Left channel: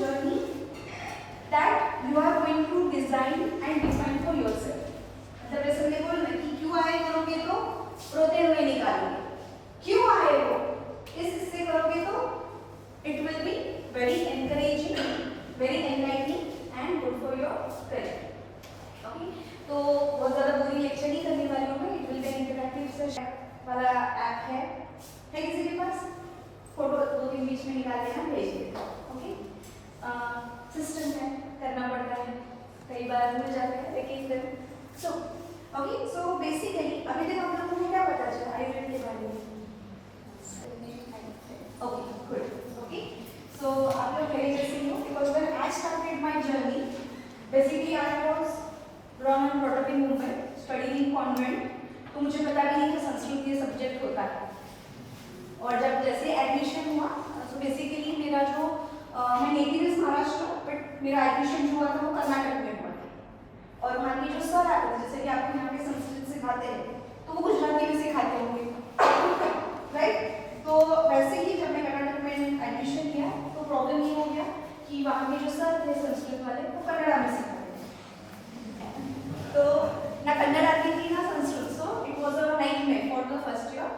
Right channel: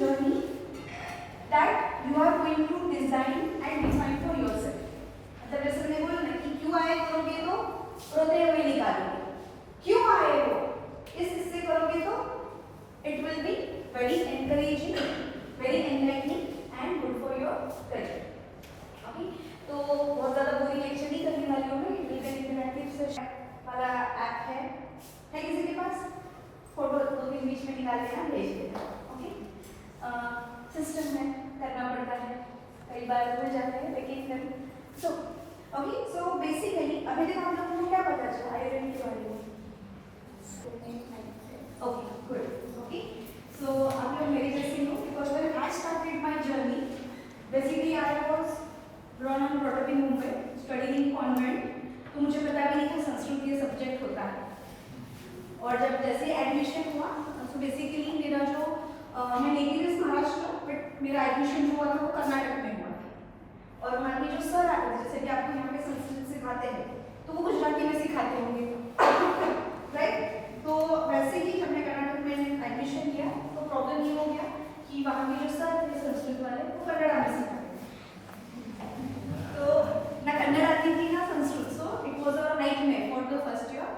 journey that you are going to design and define for yourself. मतलब जैसे मैंने बोला ना कि क्यों आए करोगे तो रोते हुए निकालोगे, क्यों आए हो इस हिस्से करोगे तो it will be very encouraging, very enlightening and good for your career. Okay, तो बहुत ज़्यादा बोरिंग लेक्चर नहीं करने वाली हूँ मैं. It will be an interactive session वाला ऐप है किसी के पास? फोटो 2-3 बीच में निकाल के हम भेज देते हैं. ओके, सिस्टम है, करना पड़ता है, कई बार भूल जाता है लेकिन फिर सो बेसिकली अभी तक आप लोगों को क्या पता चला आइडेंटिटी के बारे में? Okay good. ओके, सो आप लोग मेरे जैसे ही हो because when I started my journey basically I was born and brought up in Mumbai, studying in convent. तो मुझे पता भी नहीं था संस्कृत ये सब्जेक्ट होता है. और जब जैसे एडमिशन हुआ तो बेसिकली मेरा जो मैं नेटिव इज महाराष्ट्र बट मेरा एडमिशन जो हुआ था वो कर्नाटक में हुआ था. और वहाँ के जो सर आते थे जैसे कि आपको यहाँ पे संस्कृत सिखाते हैं तो वो गुजराती में सिखाते होंगे राइट. तो वैसे ही जब मैं कर्नाटक में एडमिशन लिया तो प्रॉब्लम ये हो गया कि वहाँ के जो सर थे संस्कृत वाले वो कन्नड़ा में सिखाते तो ना कन्नड़ आती थी ना Sanskrit. So it was a nightmare for the first year.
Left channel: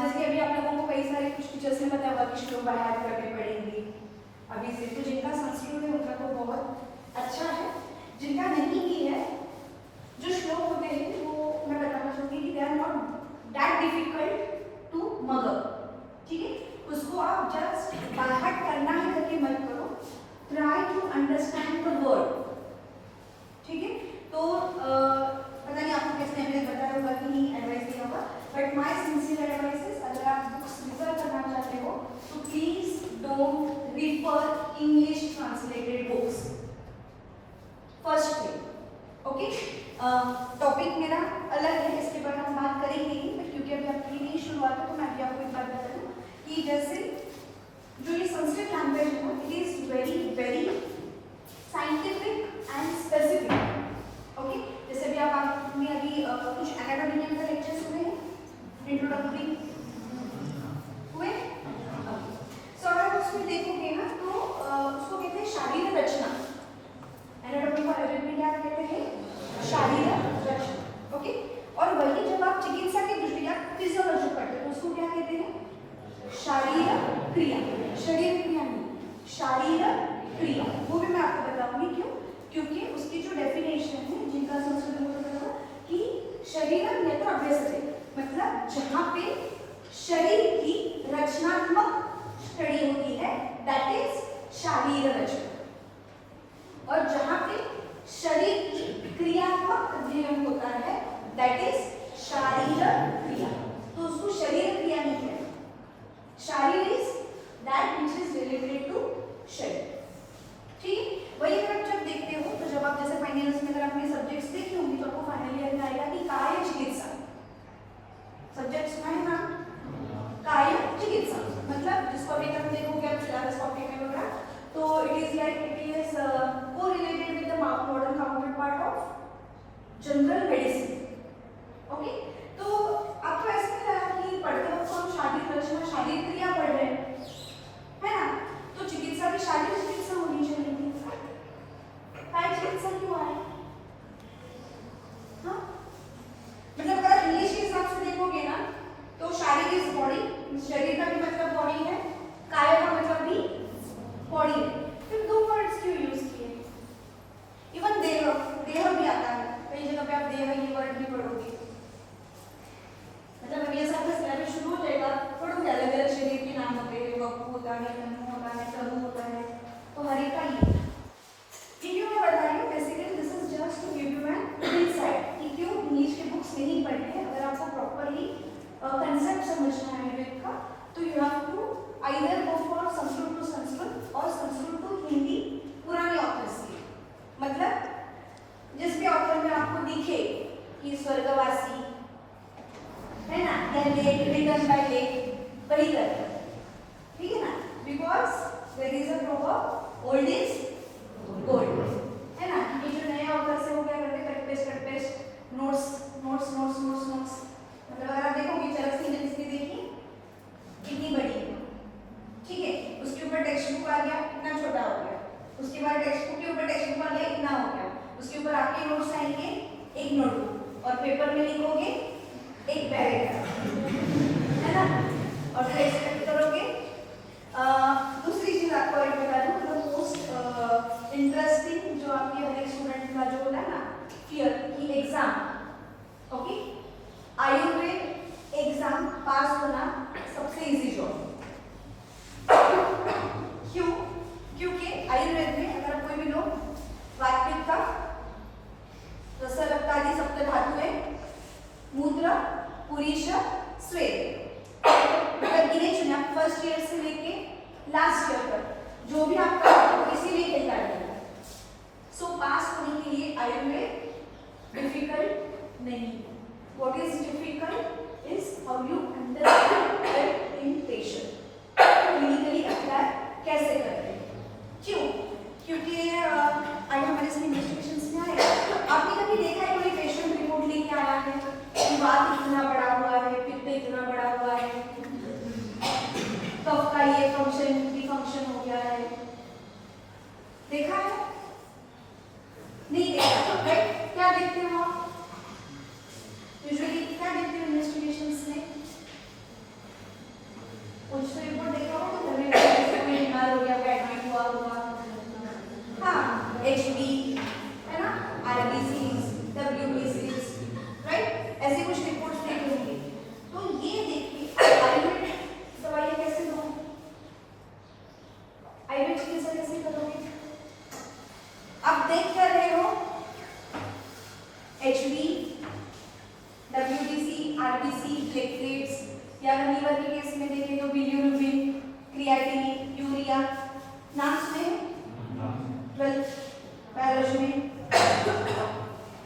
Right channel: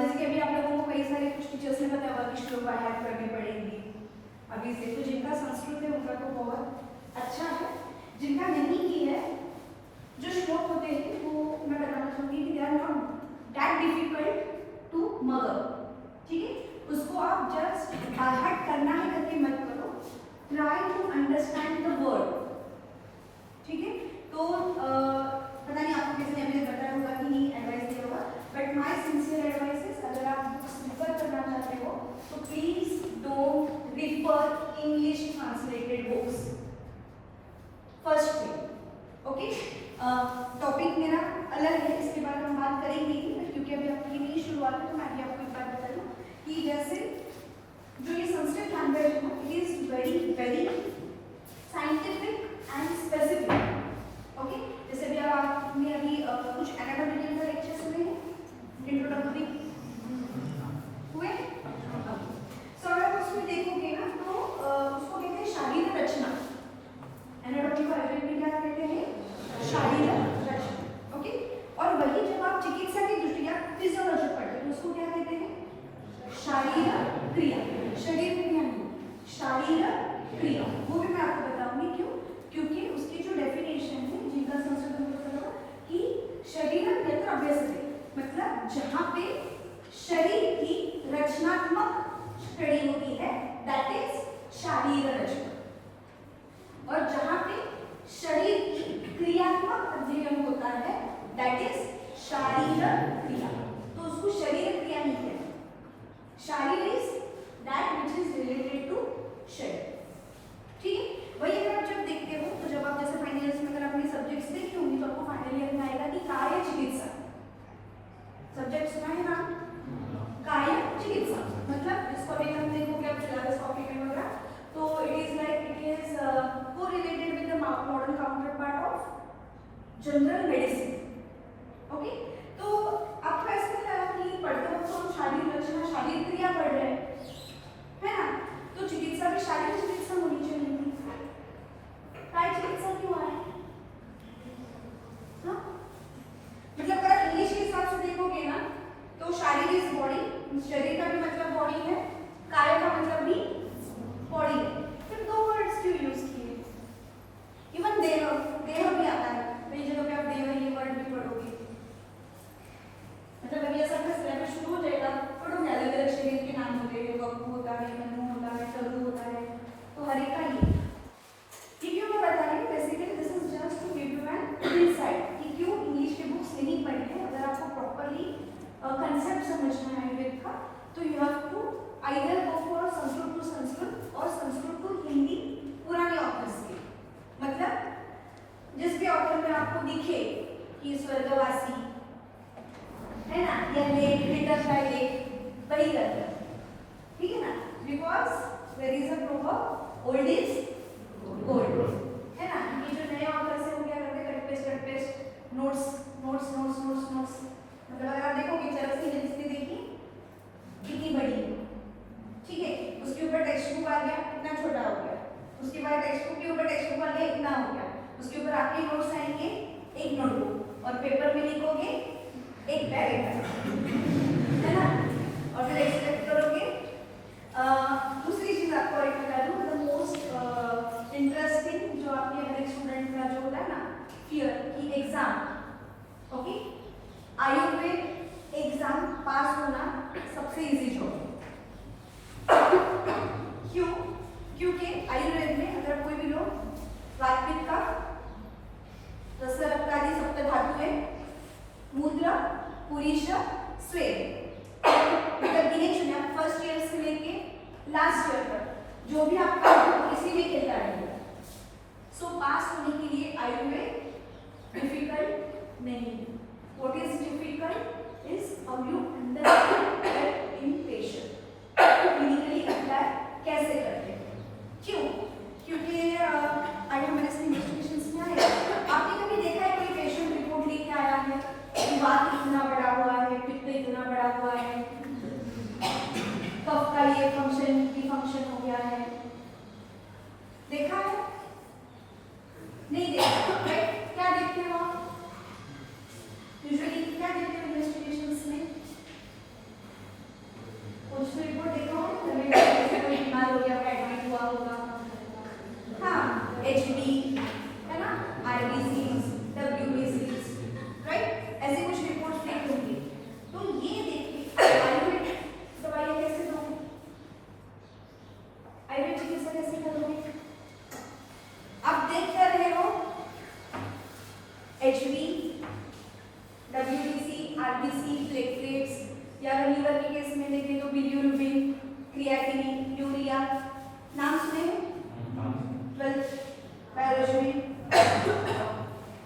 जैसे कि अभी आप लोगों को कई सारे कुछ टीचर्स ने बताया होगा कि श्लोक बाहर करने पड़ेंगे अभी से. तो जिनका संस्कृत है उनका तो बहुत अच्छा है, जिनका नहीं भी है जो श्लोक होते हैं वो मैं बताना चाहूँगी कि they are not that difficult to मगर. ठीक है, उसको आप जस्ट बाहर करना है करके मत करो, try to understand the word. ठीक है, तो पता नहीं आपको किसी ने मुझे बताया होगा कि नहीं एडवाइस दिया होगा but my sincere advice is अगर आप बुक्स रेफर करना चाहते हो तो please don't refer English translated books first thing. Okay, topic मेरा अलग है, इसके बारे में हम बात करेंगे ही बट क्योंकि अभी आपकी नहीं शुरुआत है तो मैं अभी आपको एक बात बता दूँ कि जैसे जो ये संस्कृत लैंग्वेज है it is very very scientific and specific. Okay, जैसे भी आपने अभी कुछ एनाटॉमिकल का लेक्चर सुने हैं, इंट्रोडक्टरी हुए. सो अगर उसमें देखोगे ना तो उसको कहते हैं शारीरिक रचना. एनाटॉमी को आयुर्वेद में क्या कहते हैं? शारीरिक रचना. ओके, और वही जब आप चिकित्सा की दृष्टि या फिजियोलॉजी पढ़ते हैं तो उसको क्या कहते हैं? शारीरिक क्रिया. शरीर क्रिया नहीं, शारीरिक क्रिया. वो भी मैं आपको बताऊंगी क्यों, क्योंकि उसकी जो डेफिनेशन है जिनका संस्कृत में पता लगा कि शरीर नेत्र अभ्यसते मतलब जहाँ पे शरीर की रचनात्मक स्टडी होती है दैट इज शारीरिक रचना. और जहाँ पे शरीर की क्रियात्मक अध्ययन होता है दैट इज शारीरिक क्रिया. तो उसको शरीर क्रिया नहीं कहते. शारीर is that which is related to शरीर. ठीक है, वही अगर आप जब देखते हो तो जब आप जैसे फाइनल ईयर में अगर आपने सब्जेक्ट्स देखे होंगे तो आपको फाइनल ईयर में आएगा कि काय चिकित्सा. सब्जेक्ट सुना है ना, काय चिकित्सा मतलब जिसको अभी तक देखोगे आप सिलेबस कॉपी में होगा तो it is like it is correlated with the modern counter part of general medicine. Okay, तो आपको ऐसा लग रहा है कि पढ़ते वक्त हम शारीरिक रचना शारीरिक क्रिया पढ़ रहे हैं है ना, तो चिकित्सा की शारीरिक चिकित्सा होनी चाहिए. काय चिकित्सा क्यों आए? हाँ, मतलब अगर आप इंग्लिश के हिसाब से देखोगे ना तो शारीर इज बॉडी, शरीर का भी मतलब बॉडी है, काय का मतलब भी बॉडी है. फिर दो वर्ड्स क्यों यूज किए? इवन देह भी आता है, कई जगह पे आप देह ये वर्ड भी पढ़ोगे. मतलब ये सब सिलेबस शुरू हो जाएगा पढ़ोगे अलग अलग शरीर के नाम होते हैं, वक्र होता है, मनु होता है, प्रभु होता है, तो हर एक का ही. क्यों मैं बता रही हूँ basically this is just to give you an insight कि क्यों इंग्लिश के बुक्स नहीं पढ़ने. अगर आपको प्रॉपर्ली कंसेप्ट समझना है आयुर्वेद का तो you have to either go for Sanskrit to Sanskrit और संस्कृत टू हिंदी पुराने ऑथर्स के. मतलब जिस भी ऑथर में आपको दिखे कि स्वर्गवासी है ना या लेट रिटन बाय लेट वही करते. ठीक है ना, because there is a proverb old is gold है ना. ये जो नए ऑथर से वो क्या करते cut paste notes notes notes notes notes. मतलब अगर आप देखोगे चरस की जिसने देखी कितनी बड़ी है, ठीक है, उसके ऊपर टेक्स्ट बुक आ गया कितना छोटा हो गया. उसके बाद टेक्स्ट बुक के ऊपर टेक्स्ट बुक वाला इतना हो गया, उसके ऊपर आपके नोट्स आएंगे एक नोटबुक और पेपर में लिखोगे एक पैराग्राफ, है ना, और फिर एक्सपेक्ट करोगे। दूसरी चीज आपको एक बता दूं, द मोस्ट इंटरेस्टिंग जो आपके हर स्टूडेंट का जो होता है ना फियर की एग्जाम, ओके, आयुर्वेद एग्जाम पास होना सबसे इजी जॉब है। क्यों? क्योंकि आयुर्वेद में अगर कोई भी लोग वातपित्त, रस, रक्त आदि सप्त धातुएं, मूत्र, पुरीश, स्वेद, मतलब गिने चुने आप फर्स्ट ईयर से लेके लास्ट ईयर तक जो भी आपका किसी भी खेलता रहेगा, सो पास होने के लिए आयुर्वेद डिफिकल्ट नहीं। What is difficult is how you understand in patient, clinically apply कैसे करते हैं। क्यों? क्योंकि आज हमारे सभी इन्वेस्टिगेशंस में आया, आपने कभी देखा है कोई पेशेंट रिपोर्ट लेके आया है कि वात इतना बड़ा हुआ है, पित्त इतना बड़ा हुआ है, कफ का ये फंक्शन भी फंक्शन हो गया है, देखा है? नहीं देखा। बट क्या देखते हो आप यूजुअली, क्या देखते हो इन्वेस्टिगेशंस में? कुछ रिपोर्ट देखा होगा, कोई बीमार हो गया होगा, एडमिट हुआ होगा, हाँ, एचबी, है ना, आरबीसीज, डब्ल्यूबीसीज, राइट, ऐसे कुछ रिपोर्ट देखी होंगी। तो ये देखिए आयुर्वेद दवाई कैसे दो, आयुर्वेद चिकित्सा कैसे करोगे? आप देख कर रहे हो एचबी, डब्ल्यूबीसी, आरबीसी, प्लेटलेट्स, या लीवर के केस में देखें तो बिलिरुबिन, क्रिएटिनिन, यूरिया, नाम सुने 12 बायोलॉजी,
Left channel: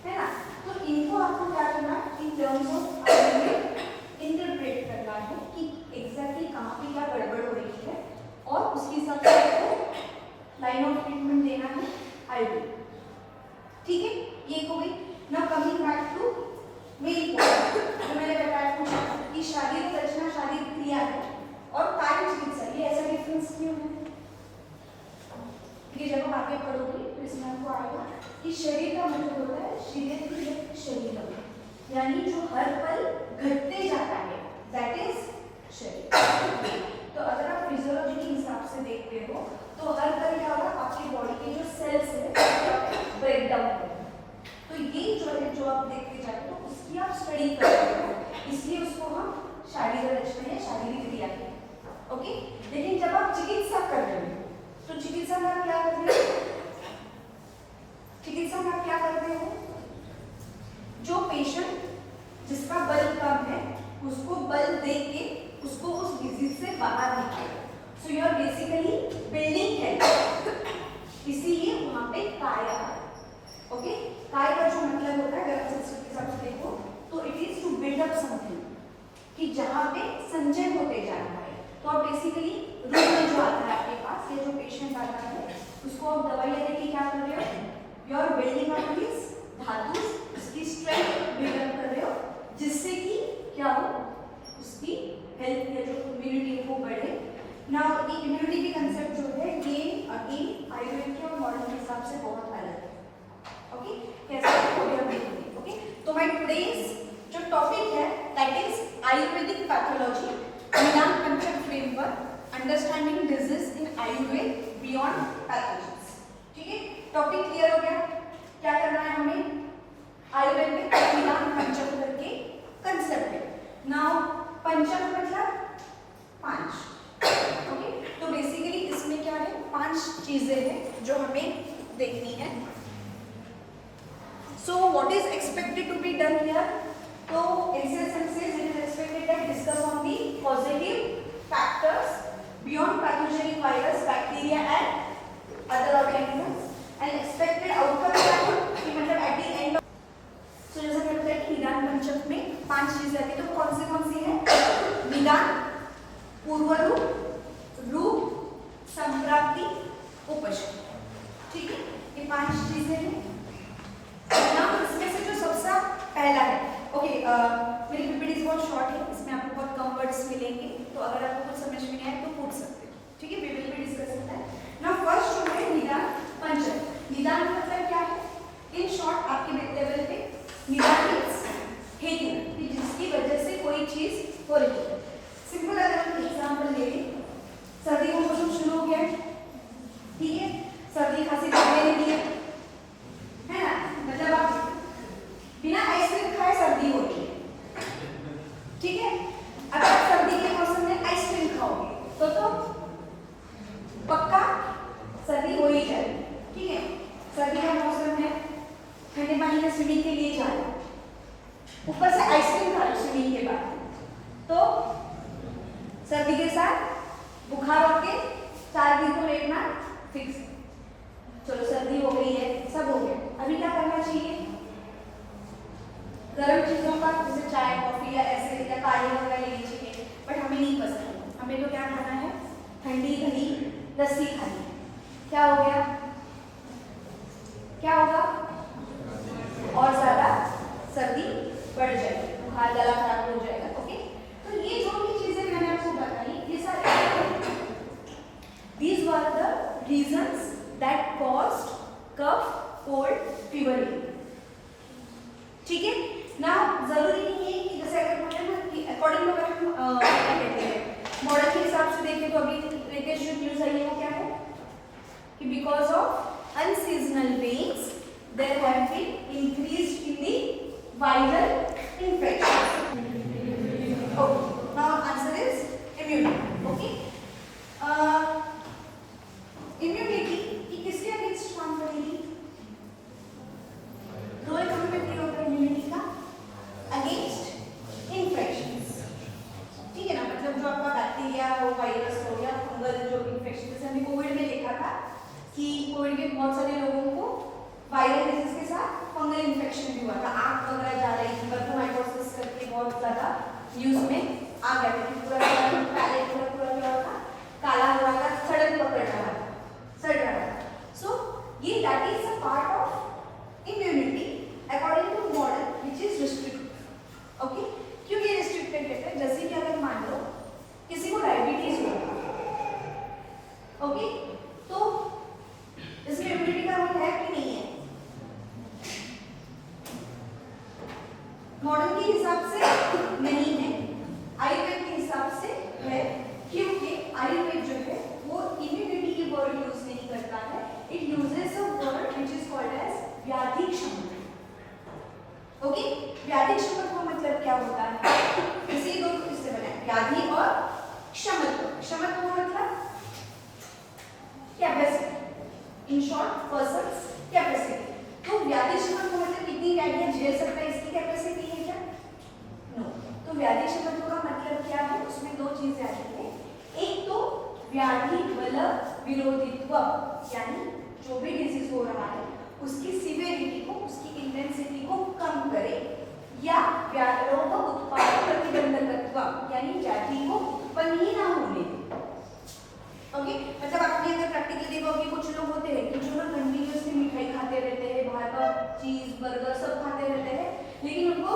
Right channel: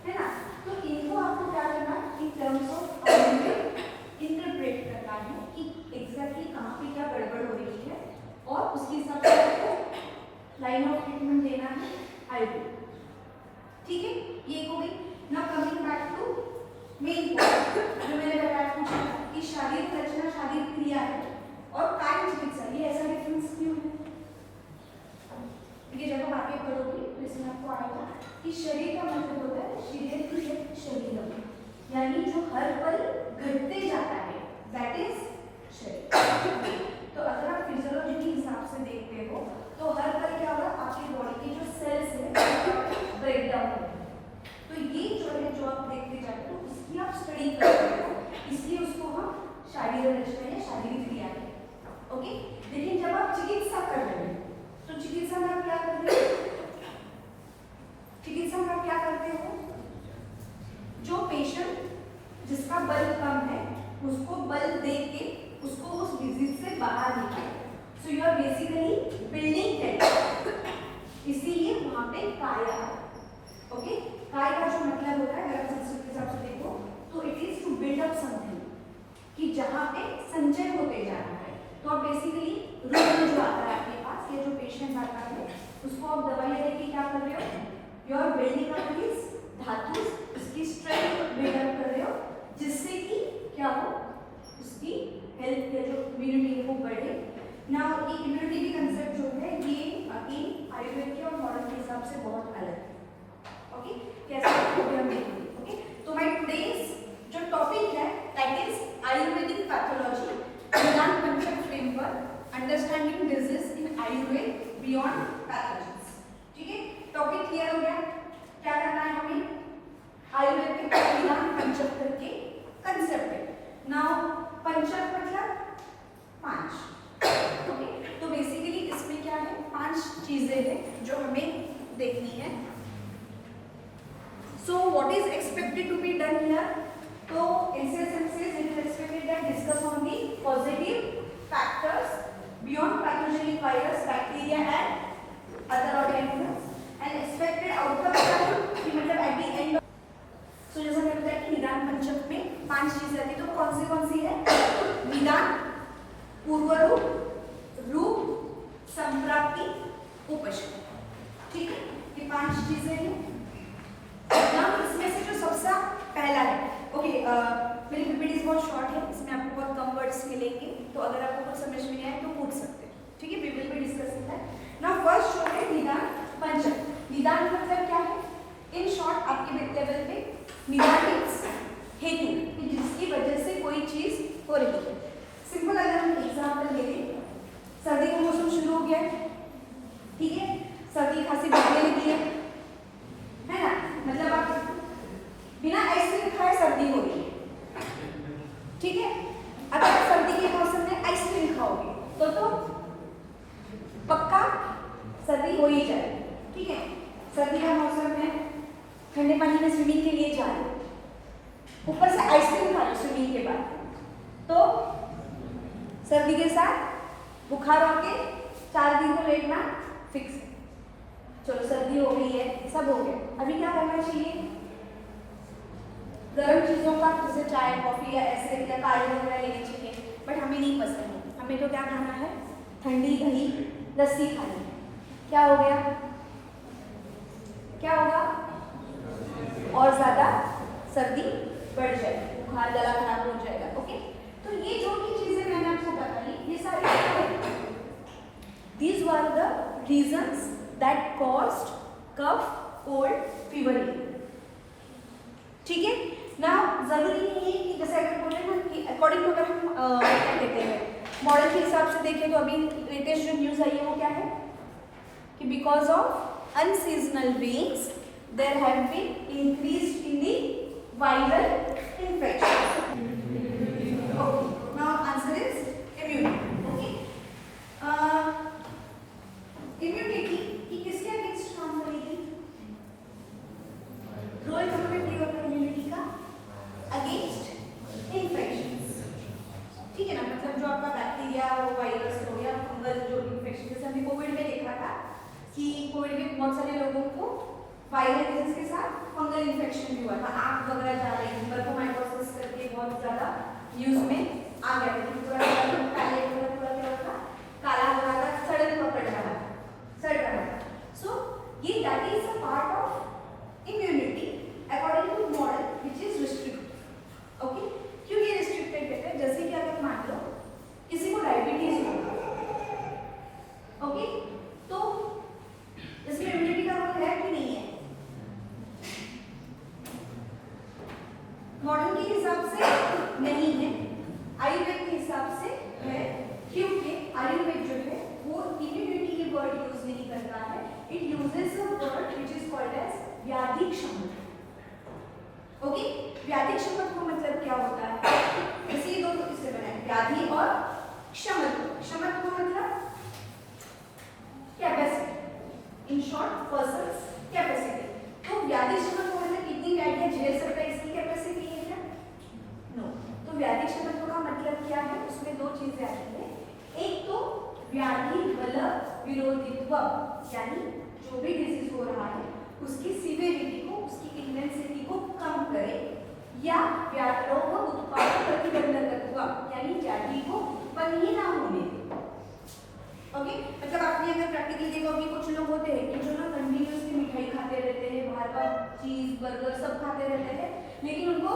है ना। तो इनको आपको क्या करना है, इन टर्म्स ऑफ इंटरप्रेट करना है कि एग्जैक्टली कहाँ पे क्या गड़बड़ हो रही है और उसके हिसाब से लाइन ऑफ ट्रीटमेंट देना है आयुर्वेद। ठीक है, ये हो गई। Now coming back to main point जो मैंने बताया था कि शारीरिक रचना शारीरिक क्रिया है और कायिक चिकित्सा, ये ऐसा डिफरेंस क्यों है? ये जब आप आगे पढ़ोगे तो इसमें आपको आएगा कि शरीर का मतलब होता है शरीर, यानी जो हर पल घटते जाता है, दैट इज शरीर। तो अगर आप फिजियोलॉजी के हिसाब से देखते हो तो हर पल क्या होगा, आपकी बॉडी के जो सेल्स है ब्रेक डाउन होगा। तो ये जो है जो आप देखते जाते हो उसकी आप स्टडी करते हो, इसलिए उसको हम शारीरिक रचना या शारीरिक क्रिया है, ओके। लेकिन जब आप चिकित्सा कर रहे हो तो चिकित्सा में आप क्या करते हो? चिकित्सा में आप क्या करते हो? जो पेशेंट जिसका बल कम है उसको बल दे के उसको उस डिजीज से बाहर निकालो। So you are basically building health, इसीलिए वहां पे काया, ओके। काय का जो मतलब होता है अगर आप संस्कृत के हिसाब से देखो तो it is to build up something, कि जहां पे संचय होते जा रहा है। तो आप बेसिकली रोग जो आता है आपके पास, ये जो पेशेंट आता है उसको आप दवाई लेके क्या कर रहे हो, you are building up this dhatu, उसकी स्ट्रेंथ बिल्ड अप कर रहे हो, जिससे कि क्या हो, उसकी हेल्थ या जो इम्यूनिटी है वो बढ़े। नाउ ये इम्यूनिटी की कंसेप्ट जो है ये अगेन आयुर्वेद के और मॉडर्न के हिसाब से बहुत अलग है, ओके। कैसे हम देखेंगे, ओके। तो माय टुडेस जो टॉपिक है दैट इज आयुर्वेदिक पैथोलॉजी, निदान पंचक framework, understanding disease in Ayurveda beyond pathologies. ठीक है, टॉपिक क्लियर हो गया? क्या करना है हमें? आयुर्वेद में निदान पंचक करके कंसेप्ट है। नाउ पंचक मतलब 5, ओके। तो बेसिकली इसमें क्या है, 5 चीजें हैं जो हमें देखनी है। So what is expected to be done here? So NCSM says it is expected that discuss on the positive factors beyond pathogenic virus, bacteria and other organisms, and expected outcome कि मतलब at the end. So जैसा कि बताया कि निदान पंचक में 5 चीजें आती है, तो कौन सी है? निदान, पूर्व रूप, संप्राप्ति, उपशम। ठीक है, ये 5 चीजें हैं। इसमें से जो सबसे पहला है, ओके, मेरी पीपीटी बहुत शॉर्ट है, इसमें आपको बहुत कम वर्ड्स मिलेंगे, तो अगर आपको कुछ समझ में नहीं आए तो पूछ सकते हैं, ठीक है, we will be discussing that. Now first जो है निदान लस्सी खानी, क्या हो गया, क्या होगा, और ज्यादा सर्दी बढ़ जाएगी, बुखार गला खराब हो जाएगा। ओके, तो ये जो भी चीजें मैंने आपको बताई ये सारी these were the reasons that caused cough, cold, fever। ठीक है ना, जरूरी नहीं है कि जैसे अगर बोलते हैं ना कि अकॉर्डिंग टू अगर हम क्या कहते हैं मॉडल के हिसाब से देखें तो अभी लेटेस्ट जो न्यूज आई है वो क्या है कि because of unseasonal rains there have been increased in the viral infection. Okay, now answer is immunity. Okay, immunity की किसके अगेंस्ट काम करेगी, रोल कहाँ पे प्ले होता है इम्यूनिटी का, अगेंस्ट इन्फेक्शंस। ठीक है ना, मतलब जो आपका बैक्टीरिया हो, वायरस हो या फंगल जो इन्फेक्शन, जैसे हमने कोविड में देखा था कि कोविड में बहुत सारे लोगों को वायरल डिजीज के साथ फंगल इन्फेक्शन भी हुआ था, आंख वगैरह जा रही थी, बर्फोमाइकोसिस करके बहुत ज्यादा न्यूज में आ गया था, पूरा पैलेट पूरा क्या होता काला हो रहा था, सड़न पकड़ रहा था, सड़ रहा था। सो ये that is a part of immunity according to model which is restricted. Okay, क्यों ये रिस्ट्रिक्टेड कहते हैं, जैसे कि अगर मान लो किसी को डायबिटीज हो, ओके, तो इसमें इम्यूनिटी का रोल है कि नहीं है, मॉडल के हिसाब से नहीं है, आयुर्वेद के हिसाब से है, क्योंकि आयुर्वेद जो है वो इम्यूनिटी की वर्ड यूज नहीं करता है, it uses a word which is called as vyadhi kshamata. Okay, व्याधि क्षमता का मतलब क्या होता है, इसी दो किससे बना है, व्याधि और क्षमत्व। क्षमत्व मतलब capacity, in short persons capacity. तो व्याधि क्षमत्व का मतलब कितनी व्याधियां झेल सकता है, इसकी कैपेसिटी है क्या, नो। तो व्याधि क्षमत्व का मतलब क्या है, उसमें दो चीजें आती है, एक तो व्याधि बल विरोधित्व, यानी जो भी डिजीज हो रहा है उसकी सिवियरिटी को, उसकी इंटेंसिटी को कम करे, या रोग उत्पादक प्रतिबंधकत्व, यानी व्याधि को उत्पन्न ही ना होने दे। ओके, मतलब आपने अगर प्रैक्टिकली देखा होगा कि कुछ लोग होते हैं कि जो ना कंटिन्यूअसली मिठाई खाते रहते हैं, बाहर का चीज बर्गर सब खाते रहते हैं, लेकिन उनको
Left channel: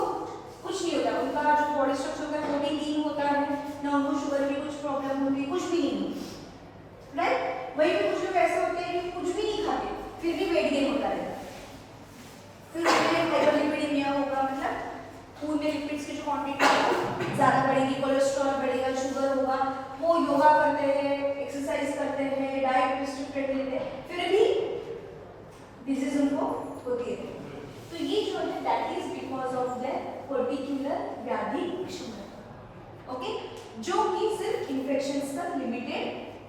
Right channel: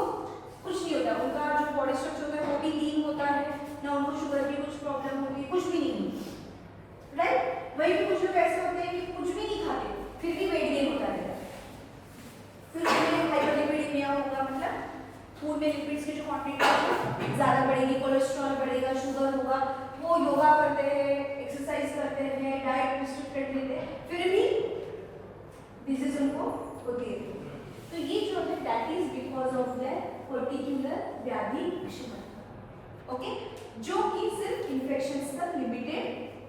कुछ नहीं होता, उनका जो बॉडी स्ट्रक्चर होता है वो भी लीन होता है, ना उनको शुगर की कुछ प्रॉब्लम होती है, कुछ भी नहीं होती, राइट। वही भी कुछ लोग ऐसे होते हैं कि कुछ भी नहीं खाते फिर भी वेट गेन होता रहता है, फिर उसमें हाइपरलिपिडीमिया होगा, मतलब खून में लिपिड्स की जो क्वांटिटी है ज़्यादा बढ़ेगी, कोलेस्ट्रॉल बढ़ेगा, शुगर होगा, वो योगा करते हैं, एक्सरसाइज करते हैं, डाइट रिस्ट्रिक्टेड लेते हैं, फिर भी डिजीज उनको होती है। तो ये जो है that is because of that particular व्याधि क्षमता। ओके, जो कि सिर्फ इन्फेक्शंस तक लिमिटेड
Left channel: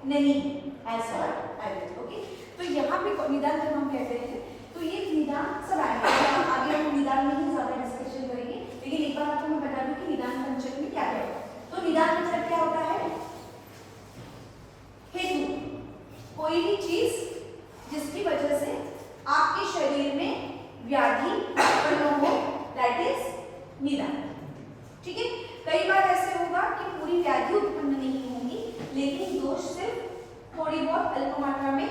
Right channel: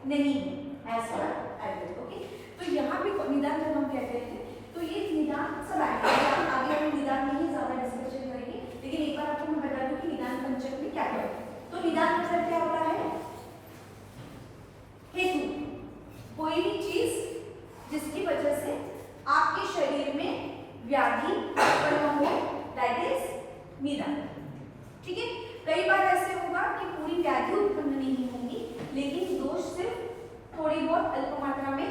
नहीं है एज पर आयुर्वेद। ओके, तो यहाँ पे निदान जब हम कहते हैं तो ये निदान सब आगे हम निदान में ही ज्यादा डिस्कशन करेंगे, लेकिन एक बार आपको मैं बता दूं कि निदान पंचक में क्या है। तो निदान मतलब क्या होता है, हेतु, कोई भी चीज जिसकी वजह से आपके शरीर में व्याधि उत्पन्न हो, दैट इज निदान। ठीक है, कई बार ऐसे होगा कि पूरी व्याधि उत्पन्न नहीं होगी, लेकिन दोष सिर्फ थोड़ी बहुत अल्प मात्रा में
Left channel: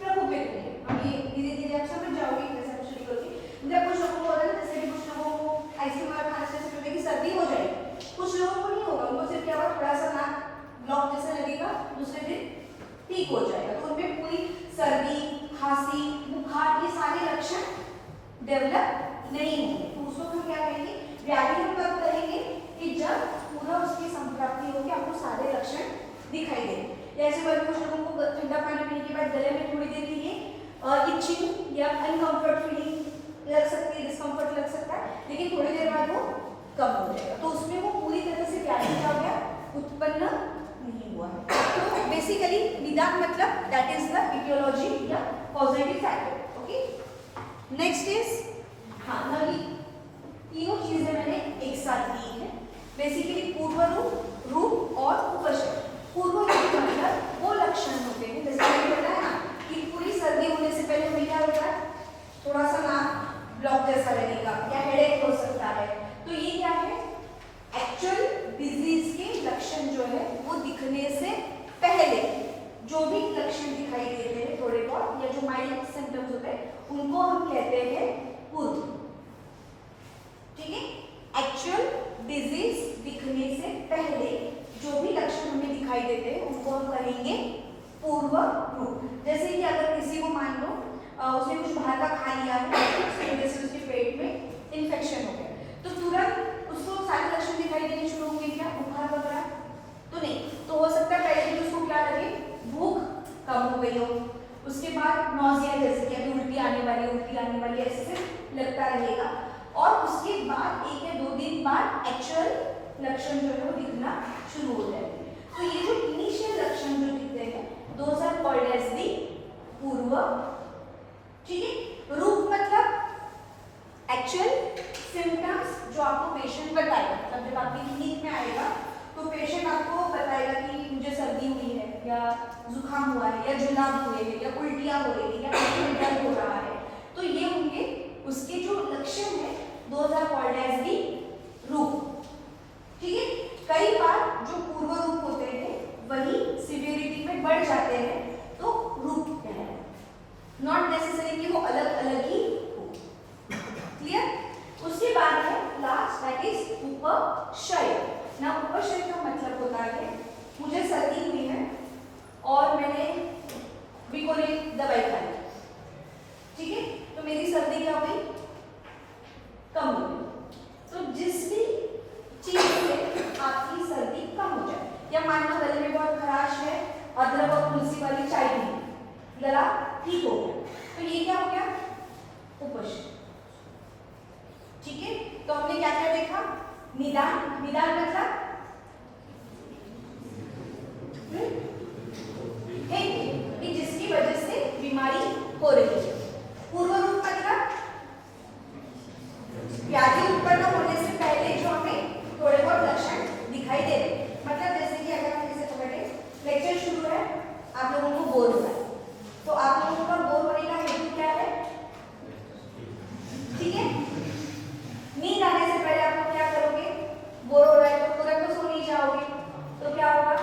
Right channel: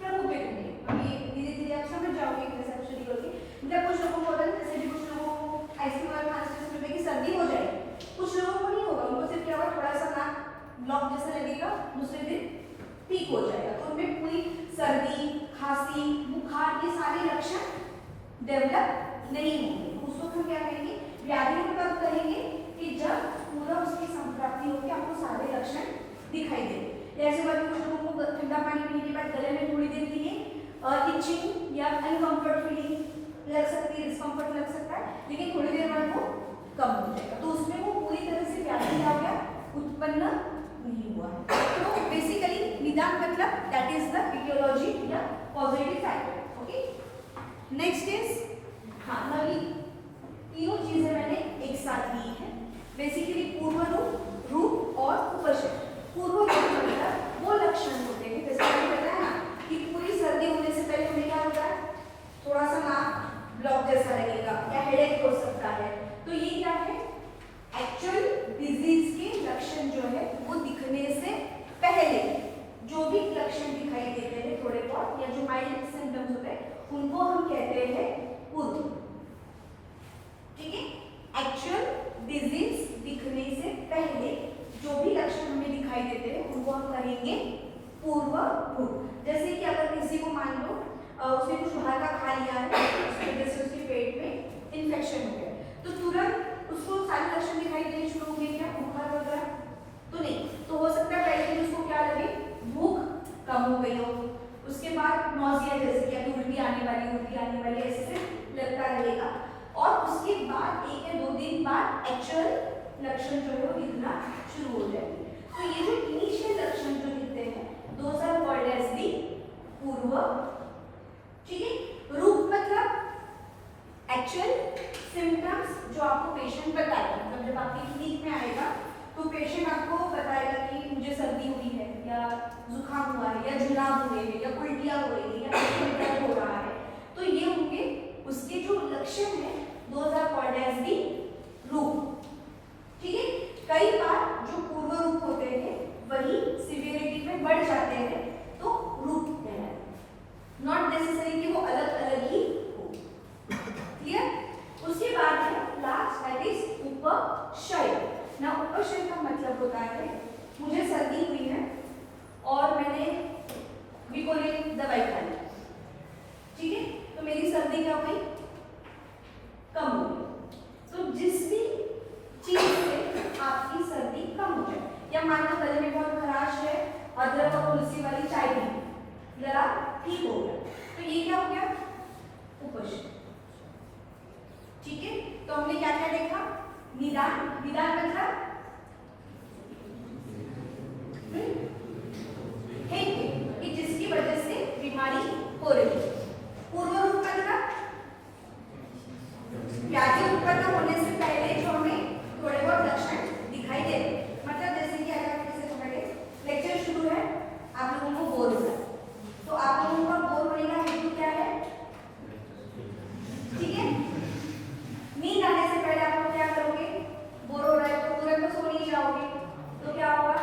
प्रकोपित होंगे। अब ये धीरे धीरे आप समझ जाओगे जैसे आप शुरू करोगे। जब कुछ लोगों को होता है जैसे भी कुछ लोगों को आइसक्रीम और खांसी से होने की सर्दी हो जाएगी, कुछ लोगों को नहीं होगा, उनको सिर्फ क्या होगा, थोड़ा सा नाक ब्लॉक जैसा लगेगा, दूसरे दिन ठीक हो जाएगा। तो उनमें पूरी सर्दी, खांसी, बुखार ये सारे लक्षण डेवलप नहीं होंगे, तो उसको हम क्या कहेंगे, व्याधि हम कब कहेंगे कि जब पूरा उसकी संप्राप्ति होगी, आपको सारे लक्षण दिखाई देंगे। जैसे अगर कुछ लोगों को ठंडा पानी पीने के बाद गले में थोड़ी देर के लिए इचिंग या अनकंफर्ट फीलिंग लग सकती है, डिस्कंफर्ट लग सकता है, लेकिन थोड़ी देर बाद वो कम हो जाएगा, तो उसमें वो पूरी तरह से व्याधि आ गया उत्पन्न नहीं हुआ है। तो बेसिकली निदान मतलब दैट इज द इटियोलॉजी या positive factor. Okay, next is हाँ नली, तीनों चीजें मैंने एक साथ ली है। बेसिकली पूर्व रूप, रूप और उपशम। पूर्व रूप मतलब वो लक्षण होते हैं, जैसे मैंने बताया ना कि पूरी सर्दी होने से पहले हमें क्या होता है, थोड़ा सा नाक ब्लॉक जैसा लगेगा या हेडेक हो सकता है, तो ये क्या है, एक्चुअल डिजीज के लक्षण जो है वो दिखने से पहले पूर्व रूप। जैसे कि अगर किसी को मान लो उसने कुछ बाहर का खा लिया है, उसकी वजह से उसके पेट में इन्फेक्शन हो गया, तो तुरंत उसको सारे लक्षण दिखाई देने शुरू हो गए, क्या बुखार वगैरह तो नहीं। तो हो सकता है पहले दिन उसको क्या लगे, भूख कम हो गई हो, उसके बाद नौजिया जैसे कि अभी उल्टी आने वाली ऐसे लगता रहेगा, और उसके बाद 1 या 2 दिन बाद एक्चुअल लक्षण जो है वो दिखना शुरू हो जाएंगे। तो ये जो इनिशियल लक्षण जो दिखते हैं those are called as the purva, ठीक है। रूप मतलब एक्चुअल सिम्टम्स जो आपको पेशेंट बताएगा, मतलब जब आपकी क्लिनिक में आएगा तो पेशेंट आपको बताएगा कि मुझे सर्दी हुई है या जुकाम हुआ है या जुलाब हुए हैं या उल्टियाँ हो रही है या उल्टियाँ हो रहा है, तो ये होंगे उसके जो लक्षण है, those are called as the rupa, ठीक है। कई बार जो पूर्व रूप होते हैं वही सिवियरिटी में बढ़ जाते हैं, तो रूप कहलाते हैं, नॉट नेसेसरी कि वो अलग अलग ही हो, क्लियर। उसके बाद है लास्ट, दैट इज उपशय। ना उपशय का मतलब होता है मुझे सर्दी हुई है और मैंने विकोरिल दवाई खाई, ठीक है, तो मेरी सर्दी क्या हो गई, कम हो गई। तो जिस भी चीज से आपकी सर्दी कम हो जाए, या मान लो गले में बहुत खराश है, अदरक और तुलसी वाली चाय पी, गला ठीक हो गया, तो ये क्या हो गया, उपशय, ठीक है। तो हमने क्या क्या देखा, निदान। निदान मतलब कि जिसकी वजह से बीमारी हो रही है। पूर्व रूप मतलब व्याधि उत्पन्न होने से पहले जो हमें थोड़े बहुत लक्षण दिखाई दे रहे, मतलब जैसे कि अगर आप जैसे बैठे लेक्चर शुरू है, आप लोगों को बोर हो रहा है, तो आप लोगों का बोर होने का हेतु क्या है, ठीक है। नींद आने से पहले आप लोग क्या करोगे, बोर हो रहा है तो तुरंत तो सो नहीं जाओगे, तो क्या होगा,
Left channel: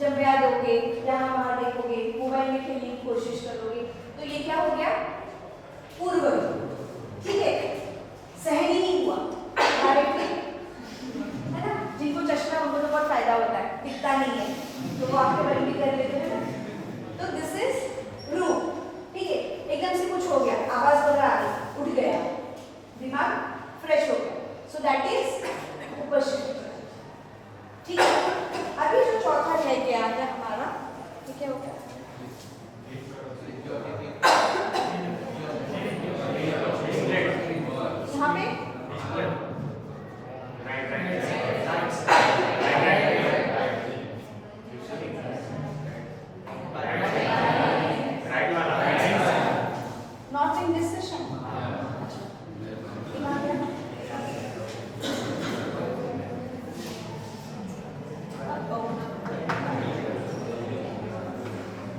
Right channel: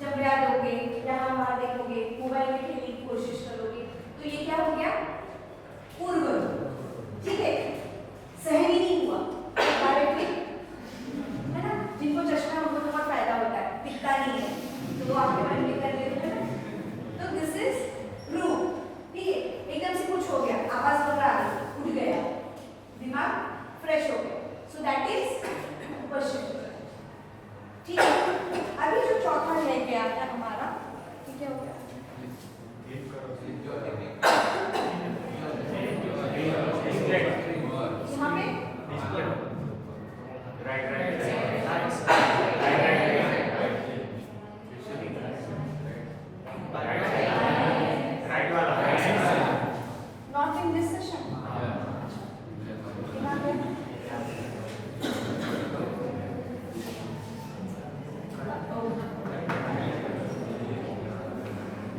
जब बयान दोगे, यहाँ वहाँ देखोगे, मोबाइल में खेलने की कोशिश करोगे, तो ये क्या हो गया, पूर्व, ठीक है। सहन ही नहीं हुआ डायरेक्टली, है ना, जिनको चश्मा उनको तो बहुत फायदा होता है, दिखता नहीं है तो वो आपके बंद भी कर लेते हैं ना। तो दिस इज रूप, ठीक है। एकदम से कुछ हो गया, आवाज वगैरह आ गई, उठ गया, दिमाग फ्रेश हो गया, सो दैट इज उपशय, ठीक है। अभी जो चौथा है क्या है हमारा, ठीक है, हो गया हमें नॉट इन दिस सेशन,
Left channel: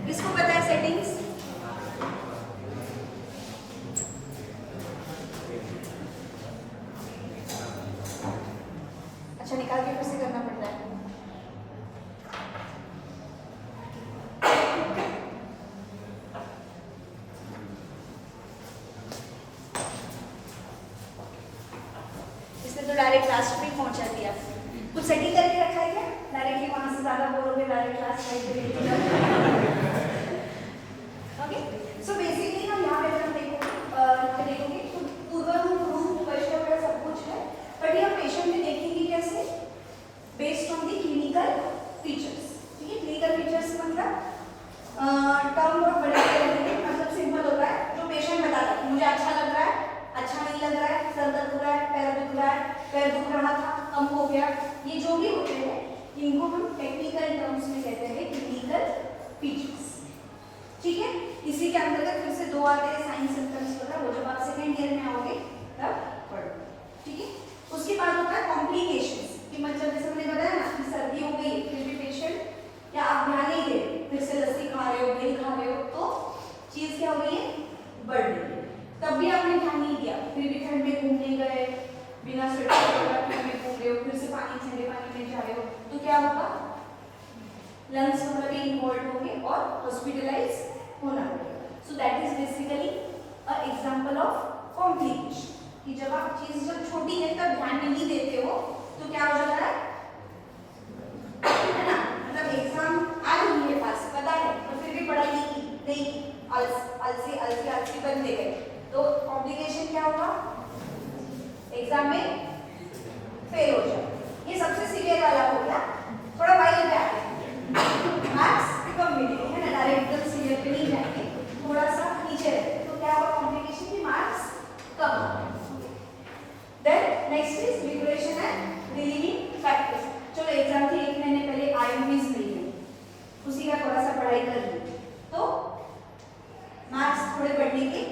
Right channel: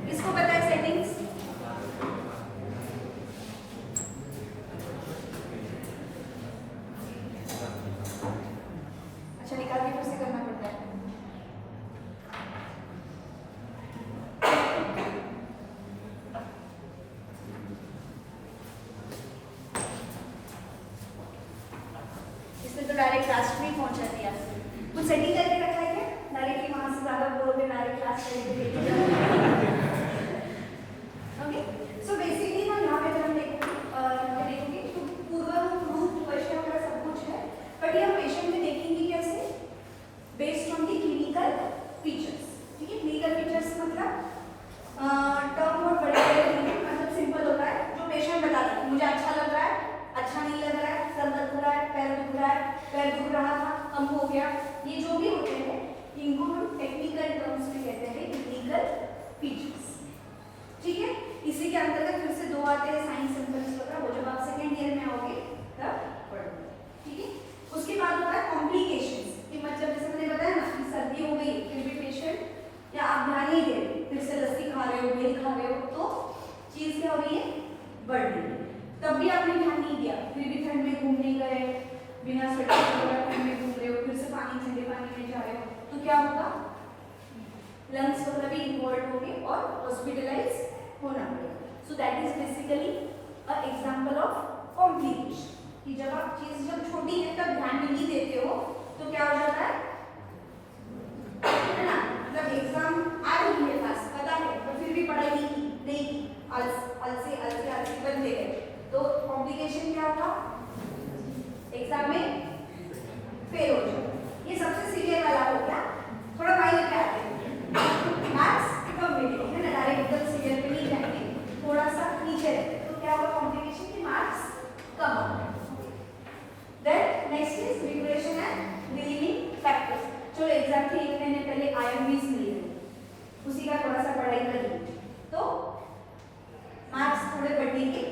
इसको पता है सेटिंग्स, अच्छा निकाल के फिर से करना पड़ता है। इसने तो डायरेक्ट लास्ट में पहुंचा दिया, कुछ सेटिंग करके रखा है क्या, डायरेक्टली वहां से ज्यादा बोल रहे, direct last okay. So basically हम यहाँ पे जब देखोगे तो पूर्व रूप उपशय का सब कुछ है, बट ये पेशेंट में देखेंगे कैसे, based on the clinical features, ठीक है। क्लिनिकल फीचर्स मतलब टर्म बहुत बड़े नहीं है, मतलब सिंपल होता है, जो पेशेंट बताता है मुझे अच्छा लग रहा है, अच्छा नहीं लग रहा है, सर दर्द हो रहा है, पैर दुख रहा है, पैर दुख रहा था, कम हो गया, ये जो भी होते हैं इनको हम टेक्निकल टर्म्स में कहते हैं क्लिनिकल फीचर्स, ठीक है। इसी के अंतर्गत फिर से 2 आते हैं साइन सिम्टम्स वगैरह, वो जब आप सेकेंड ईयर में आओगे तब पढ़ोगे, ठीक है। उसके बाद होता है कॉम्प्लिकेशंस, कि मतलब जैसे मैंने बताया ना कि सर्दी हो गई, फिर भी पेशेंट या आप ध्यान नहीं दे, फिर से लस्सी खा रहे हो, दही खा रहे हो, तो चीज क्या हो रही है, बढ़ रही है, तब भी आपने ध्यान नहीं दिया, फिर भी ठंड में घूमने गए, बिना स्वेटर के ठंड में घूम रहे हो, फिर से ठंडे पानी में जा रहे हो, तो क्या होगा, लंग्स वगैरह भी इन्वॉल्व होंगे और हॉस्पिटलाइज होना पड़ेगा। सो that is basically a example of complication, कि जब आप चीज जब छोटी है तब ध्यान नहीं देते हो तो क्या हो जाता है ना, मतलब एग्जाम आ रही है पास, अलसी बनते गए, तो कॉम्प्लिकेशन क्या होगा, एग्जाम में फेल हो जाओ। ये सबसे सीवियर वाला हो गया। थोड़ा वाइल्ड पे आते हैं, मार्क्स कम मिलेंगे, है ना, डायरेक्ट एकदम सीवियर पे नहीं जाएंगे, थोड़ा सा नीचे रहते, तो क्या होगा कॉम्प्लिकेशन की मार्क्स कम होंगे। Then next is regression and relieving factors. चलो एग्जाम के 1 महीने पहले आईएमवीज मिली है, उसी का थोड़ा सा पढ़ाई कर ली, तो मार्क्स थोड़े बढ़ेंगे,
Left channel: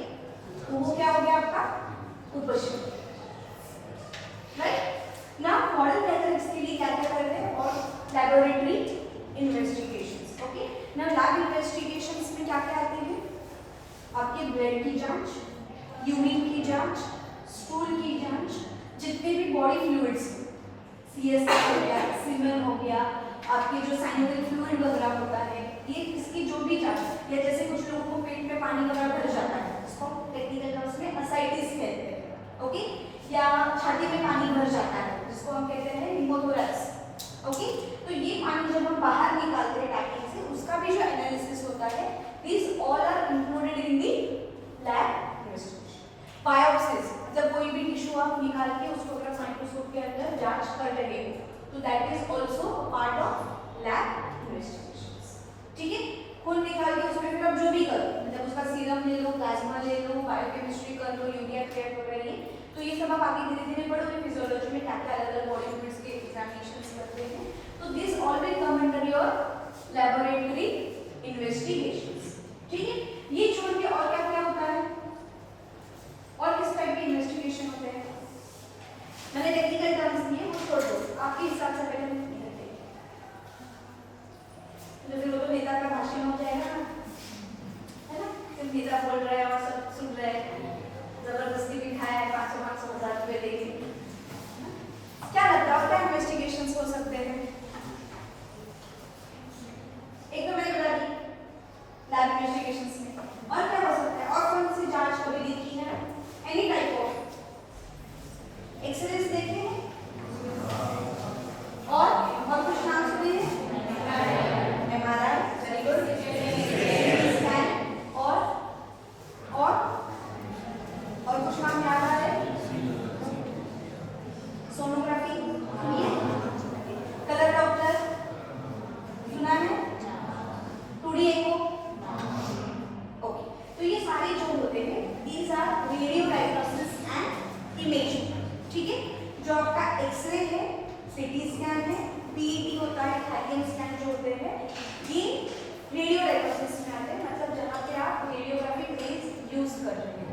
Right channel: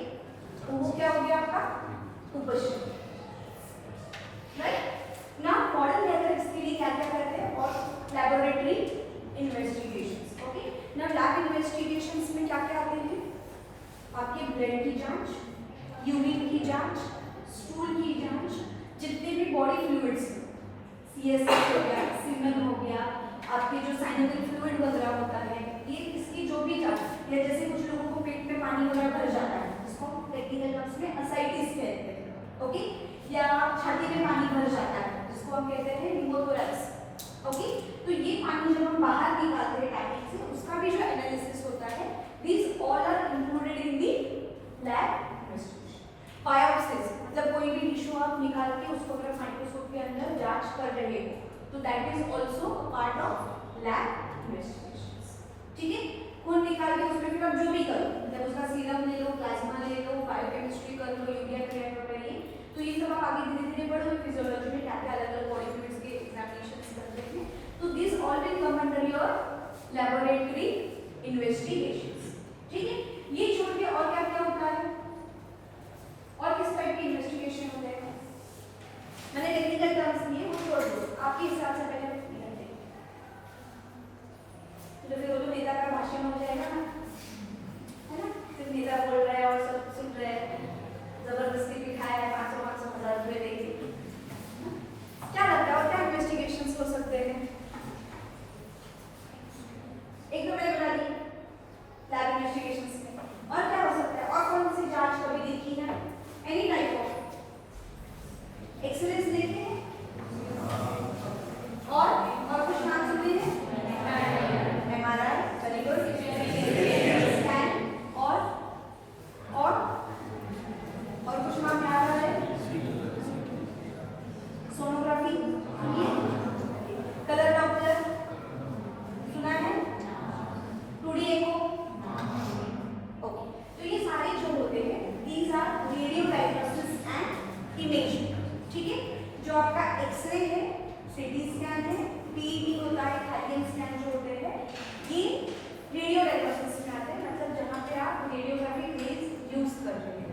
तो वो क्या हो गया आपका कुपोषण। राइट ना, मॉडर्न मेथड्स के लिए क्या क्या करते हैं, और लैबोरेटरी इन्वेस्टिगेशंस। ओके ना, लैब इन्वेस्टिगेशंस में क्या क्या आते हैं, आपके ब्लड की जांच, यूरिन की जांच, स्टूल की जांच, जितने भी बॉडी फ्लूइड्स, सीएसएफ हो गया, सीमेन हो गया, आपके जो साइनोवियल फ्लूइड वगैरह होता है, ये इसकी जो भी जांच, या जैसे कुछ लोगों को पेट में पानी वगैरह भर जाता है, उसको टेक्निकल टर्म्स में असाइटिस कहते हैं, ओके, या छाती में पानी भर जाता है, जिसको हम कहते हैं निमोथोरैक्स। ओके, तो ये पानी जब हम बाहर निकालते हैं टाइम से, उसका भी जो एनालिसिस होता है, this all are included in the lab investigation. Biopsies, जब कोई भी टिश्यू आप निकाल के उसको अगर माइक्रोस्कोप के अंदर जांच कर रहे हो, तो that is also a part of lab investigations. ठीक है, खून निकाल के उसमें फिर आप जो भी करो, मतलब उसका सीरम ले लो, प्लाज्मा ले लो, बायोकेमिस्ट्री कर लो, यूरिया क्रिएट वगैरह, तो ये सब आप आगे धीरे धीरे पढ़ोगे, फिजियोलॉजी में क्या क्या अलग अलग बॉडी फ्लूइड्स के एग्जामिनेशंस करते हैं, तो this all will come under your laboratory investigations. ठीक है, ये छोड़ के और क्या क्या होता है, और किस टाइप के इन्वेस्टिगेशन होते हैं, मैंने टेक्निकल टर्म्स दिए, छोड़ दो, आपके हिसाब से पहले हम क्लियर करेंगे, तो फिर वो तो नेता का भाषण हो जाएगा ना, है ना, सिर्फ नेता बोल रहा है और सब सुन रहे हैं, जबरदस्ती बिठाया है, 500-500 रुपए देके। क्या लगता है क्या इन्वेस्टिगेशंस हो सकते हैं, एक तो मैंने बता दी लैब इन्वेस्टिगेशंस में, और क्या हो सकता है, और कौन सी जांच कभी देखी है, एनी टाइप ऑफ एक्सरेज देखे हैं, और कुछ नाम सुने हैं, एमआरआई, वेरी गुड, स्कैन, और कुछ नाम याद आ रहे हैं, सोनोग्राफी, कलर डॉप्लर सुना है, 2D एको। ओके, तो ये सारे जो होते हैं, these are radio diagnosis and imaging. ठीक है, जो आपका एक्सरे है, सीटी स्कैन है, पीईटी होता है, हाइकिंग स्कैन जो होते हैं, ये रेडियो डायग्नोसिस में आते हैं, मतलब जहाँ पे आप रेडियोग्राफिक रेज यूज कर रहे हैं।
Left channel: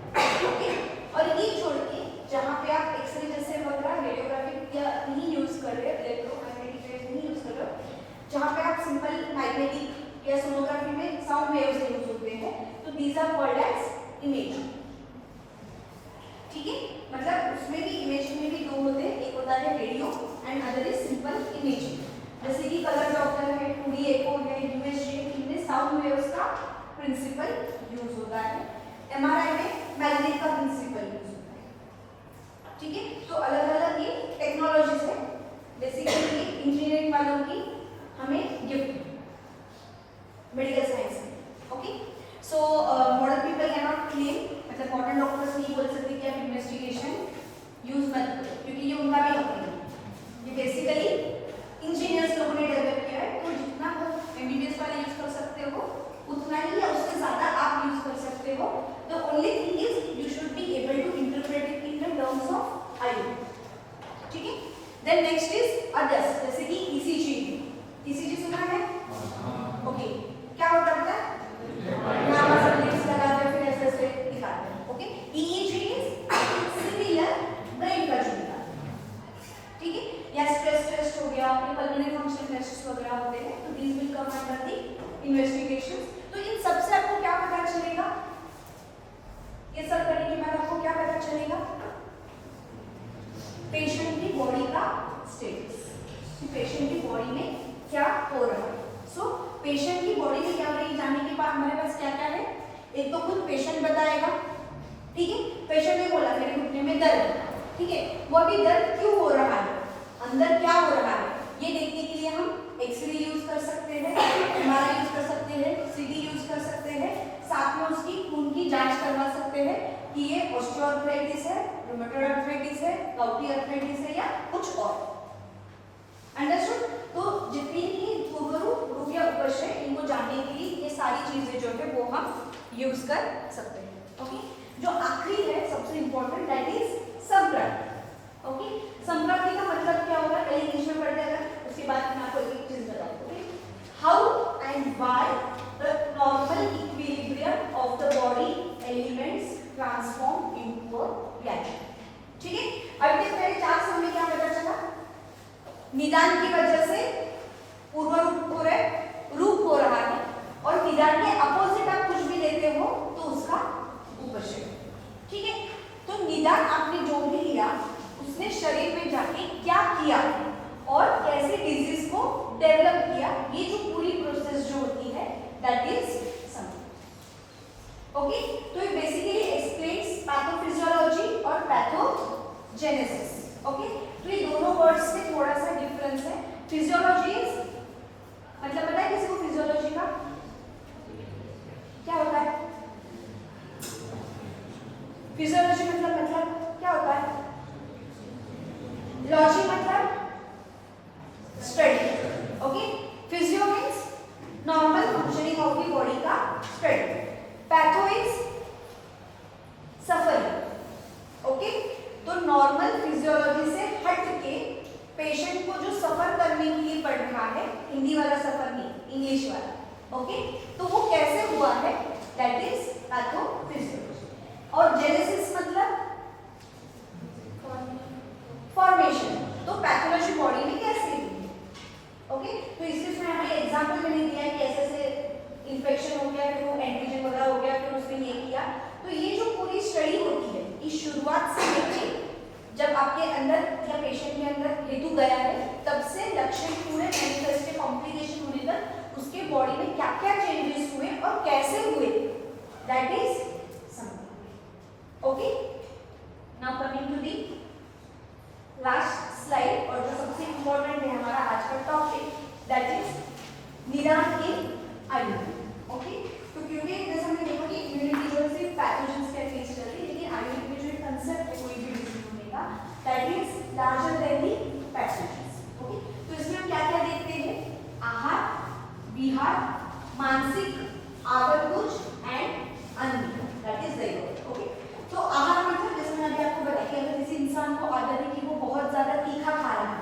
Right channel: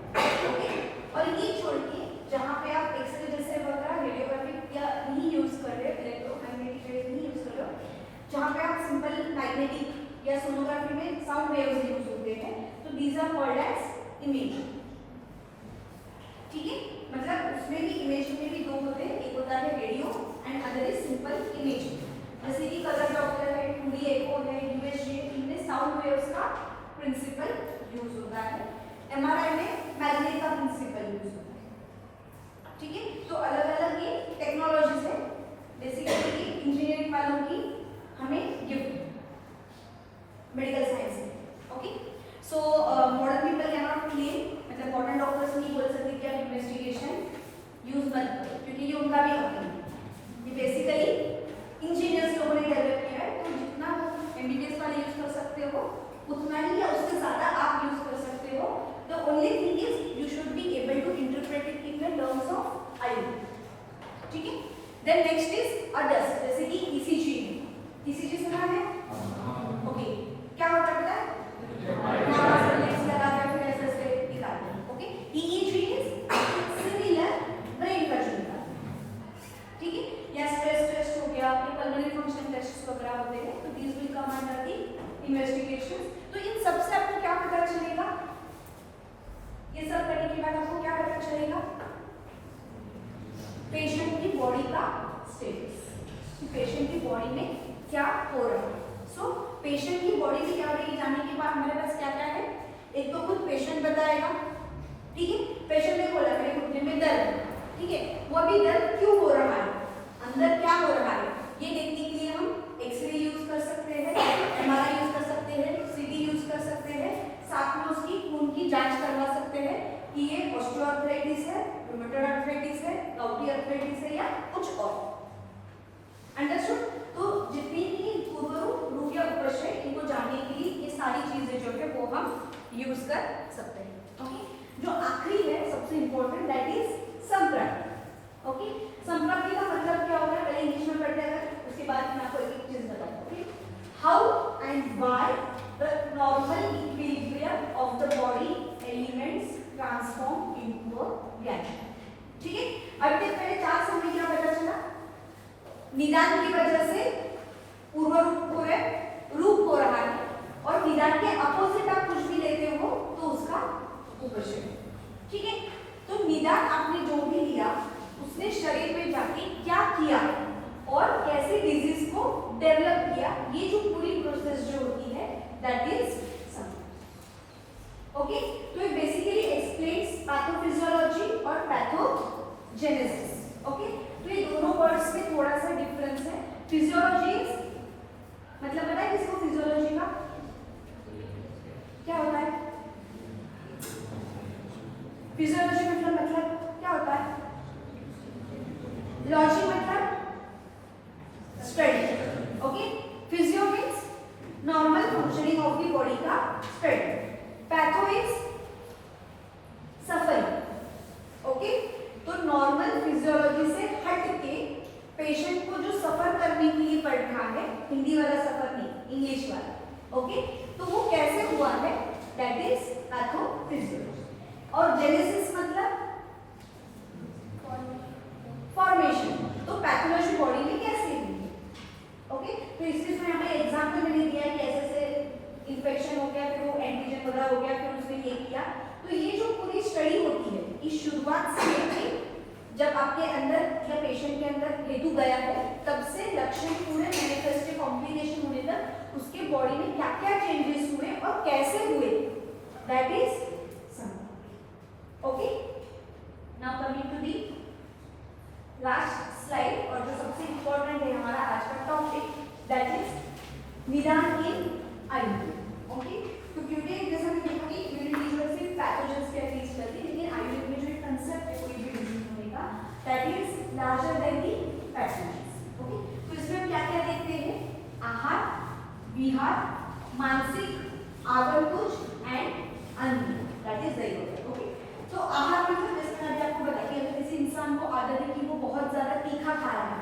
ओके, और ये छोड़ के जहाँ पे आप एक्सरे जैसे वगैरह रेडियोग्राफिक या नहीं यूज कर रहे, इलेक्ट्रोमैग्नेटिक रेज नहीं यूज कर रहे हो, जहाँ पे आप सिंपल मैग्नेटिक या सोनोग्राफी में साउंड वेव्स यूज होते हैं, तो these are called as imaging. ठीक है, मतलब उसमें भी इमेजिंग में भी दो होते हैं, एक होता है radio and other is simple imaging. जैसे कि कलर डॉप्लर है, 2D एको है, यूएसजी, इनमें साउंड वेव्स का प्रिंसिपल यूज होता है, एमआरआई में मैग्नेट का प्रिंसिपल यूज होता है। ठीक है, तो अलग अलग ये टेक्नोलॉजीज है, बेसिकली इंजीनियरिंग वालों की हमें गिफ्ट मेडिकल साइंस में। Okay, so modern people can not claim, मतलब मॉडर्न डॉक्टर्स नहीं बोल सकते कि आप इन्वेस्टिगेशन यूज मत करो, क्योंकि ये उनका भी हक है, ये बेसिकली इंजीनियर्स लोगों ने डेवलप किया है, तो जितना एमबीबीएस वाले यूज कर सकते हो उतना ही या उससे ज्यादा आप यूज कर सकते हो। The only thing is you should be able to interpret it in the terms of IU. ठीक है, देन नेक्स्ट इज अदर्स, जैसे कि ईसीजी। ईसीजी सुना है? ओके, क्या होता है? लगा के फिर ऐसे दिखाते हैं। Okay, EEG is similar brain का झुमका। ठीक है, या स्ट्रेस टेस्ट हो गया, ये पल्मोनरी फंक्शन टेस्ट वगैरह होते हैं, तो these will come under the investigation. तो इन सबसे आपको क्या पता चलेगा, ये सब करने के बाद आपको क्या पता चलेगा, पेशेंट की बॉडी का स्टेटस, पेशेंट की बॉडी में क्या हो रहा है। सो पेशेंट की बॉडी में क्या हो रही है जानने के बाद हमारे पास क्या क्या है, एक तो खुद पेशेंट बताएगा। ठीक है, पेशेंट ने बोला मेरे घुटने में दर्द, ठीक है, वो अभी दर्द क्यों हो रहा है, अंदर क्या हो रहा है, ये देखने के लिए हम एक्सरे यूज कर सकते हैं, एमआरआई यूज कर सकते हैं, सीटी यूज कर सकते हैं, साथ में उसकी ऑस्थोआर्थराइटिस है, रूमेटॉइड आर्थराइटिस है, गाउटी आर्थराइटिस है या कुछ और। अंडरस्टूड? तो जितनी भी रूप या उपश है इनको जानने के लिए ये सारी चीजें जो है वो हम यूज कर सकते हैं। ओके, जो आखिरी है सबसे इंपॉर्टेंट, दैट इज संप्राप्ति। ओके, संप्राप्ति का मतलब क्या होगा पहले इंग्लिश में पढ़ते हैं, उसके बाद मैं आपको एक चीज बताऊंगी। How and why the normal equilibrium of the body elements transform into a gas. ठीक है, अब इस पहले 4 समय में क्या पता चला? निदान की वजह से पूर्व रूप हो रहे, रूप हो रहा है, और निदान के अपोजिट आप कुछ भी लेते हो तो उसका उपशय। ठीक है, तो निदान आपने जो भी लिया उसने शरीर में जाके क्या किया और कैसे डिजीज को डेवलप किया, ये जो पूरी प्रोसेस जो होती है दैट इज समझ। ओके, तो ये बेसिकली एक्सप्लेन्स पैथोफिजियोलॉजी और पैथोजेनेसिस। ओके, तो ये दोनों वर्ड्स में थोड़ा सा डिफरेंस है। फिजियोलॉजी मतलब पता है किसी को फिजियोलॉजी का क्या होता है? फिजियोलॉजी मतलब क्या होता है? लॉजी मतलब study. Okay, physio means normal functioning of the body का study, patho is suffering. Okay, तो नॉर्मल फिजियोलॉजी से हट के पेशेंट को जो सफर करने के लिए पड़ रहा है, हिंदी वाला सफर नहीं, इंग्लिश वाला। ओके, तो वो कैसे हुआ है दैट इज पैथोफिजियोलॉजी। और जेनेसिस मतलब फॉर्मेशन, तो पैथोलॉजी बॉडी में कैसे हुई है। ओके, तो इसमें हमें एग्जांपल नहीं दिया है कि ऐसे इन्फेक्शन हो गया, फिर वो एंटीजन वगैरह हो गया, फिर उसमें ये किया। तो ये जो पूरी स्टडी होती है इस शुरुआत से लेकर जब आपके अंदर या पेशेंट के अंदर हेतु गया है तब से लक्षण पूरे मैनिफेस्ट के कॉम्प्लिकेशन होने तक उसके बॉडी में क्या क्या चेंजेस हुए और कैसे हुए दैट इज समझ। Okay, now coming to the last slide, और जो सबसे इंपॉर्टेंट है हमारा आज का टॉपिक दैट इज निदान इन आयुर्वेद। ओके, तो क्योंकि जैसे हमने देखा कि इंडिविजुअल से पैथोजेंस के एटलीस्ट चलती है, लेकिन आयुर्वेद में जो कंसेप्ट है कोई भी डिजीज होने का that is larger than the pathogens. Okay, तो इसमें हम क्या क्या देखते हैं? आहार, विहार, मानसिक, आगमकुच एंड अन्य, that is very good. Okay, तो आहार मतलब जैसे मैंने अभी आपको बताया कि अगर किसी इंसान को आदत है कि वो बहुत ज्यादा तीखा खा रहा है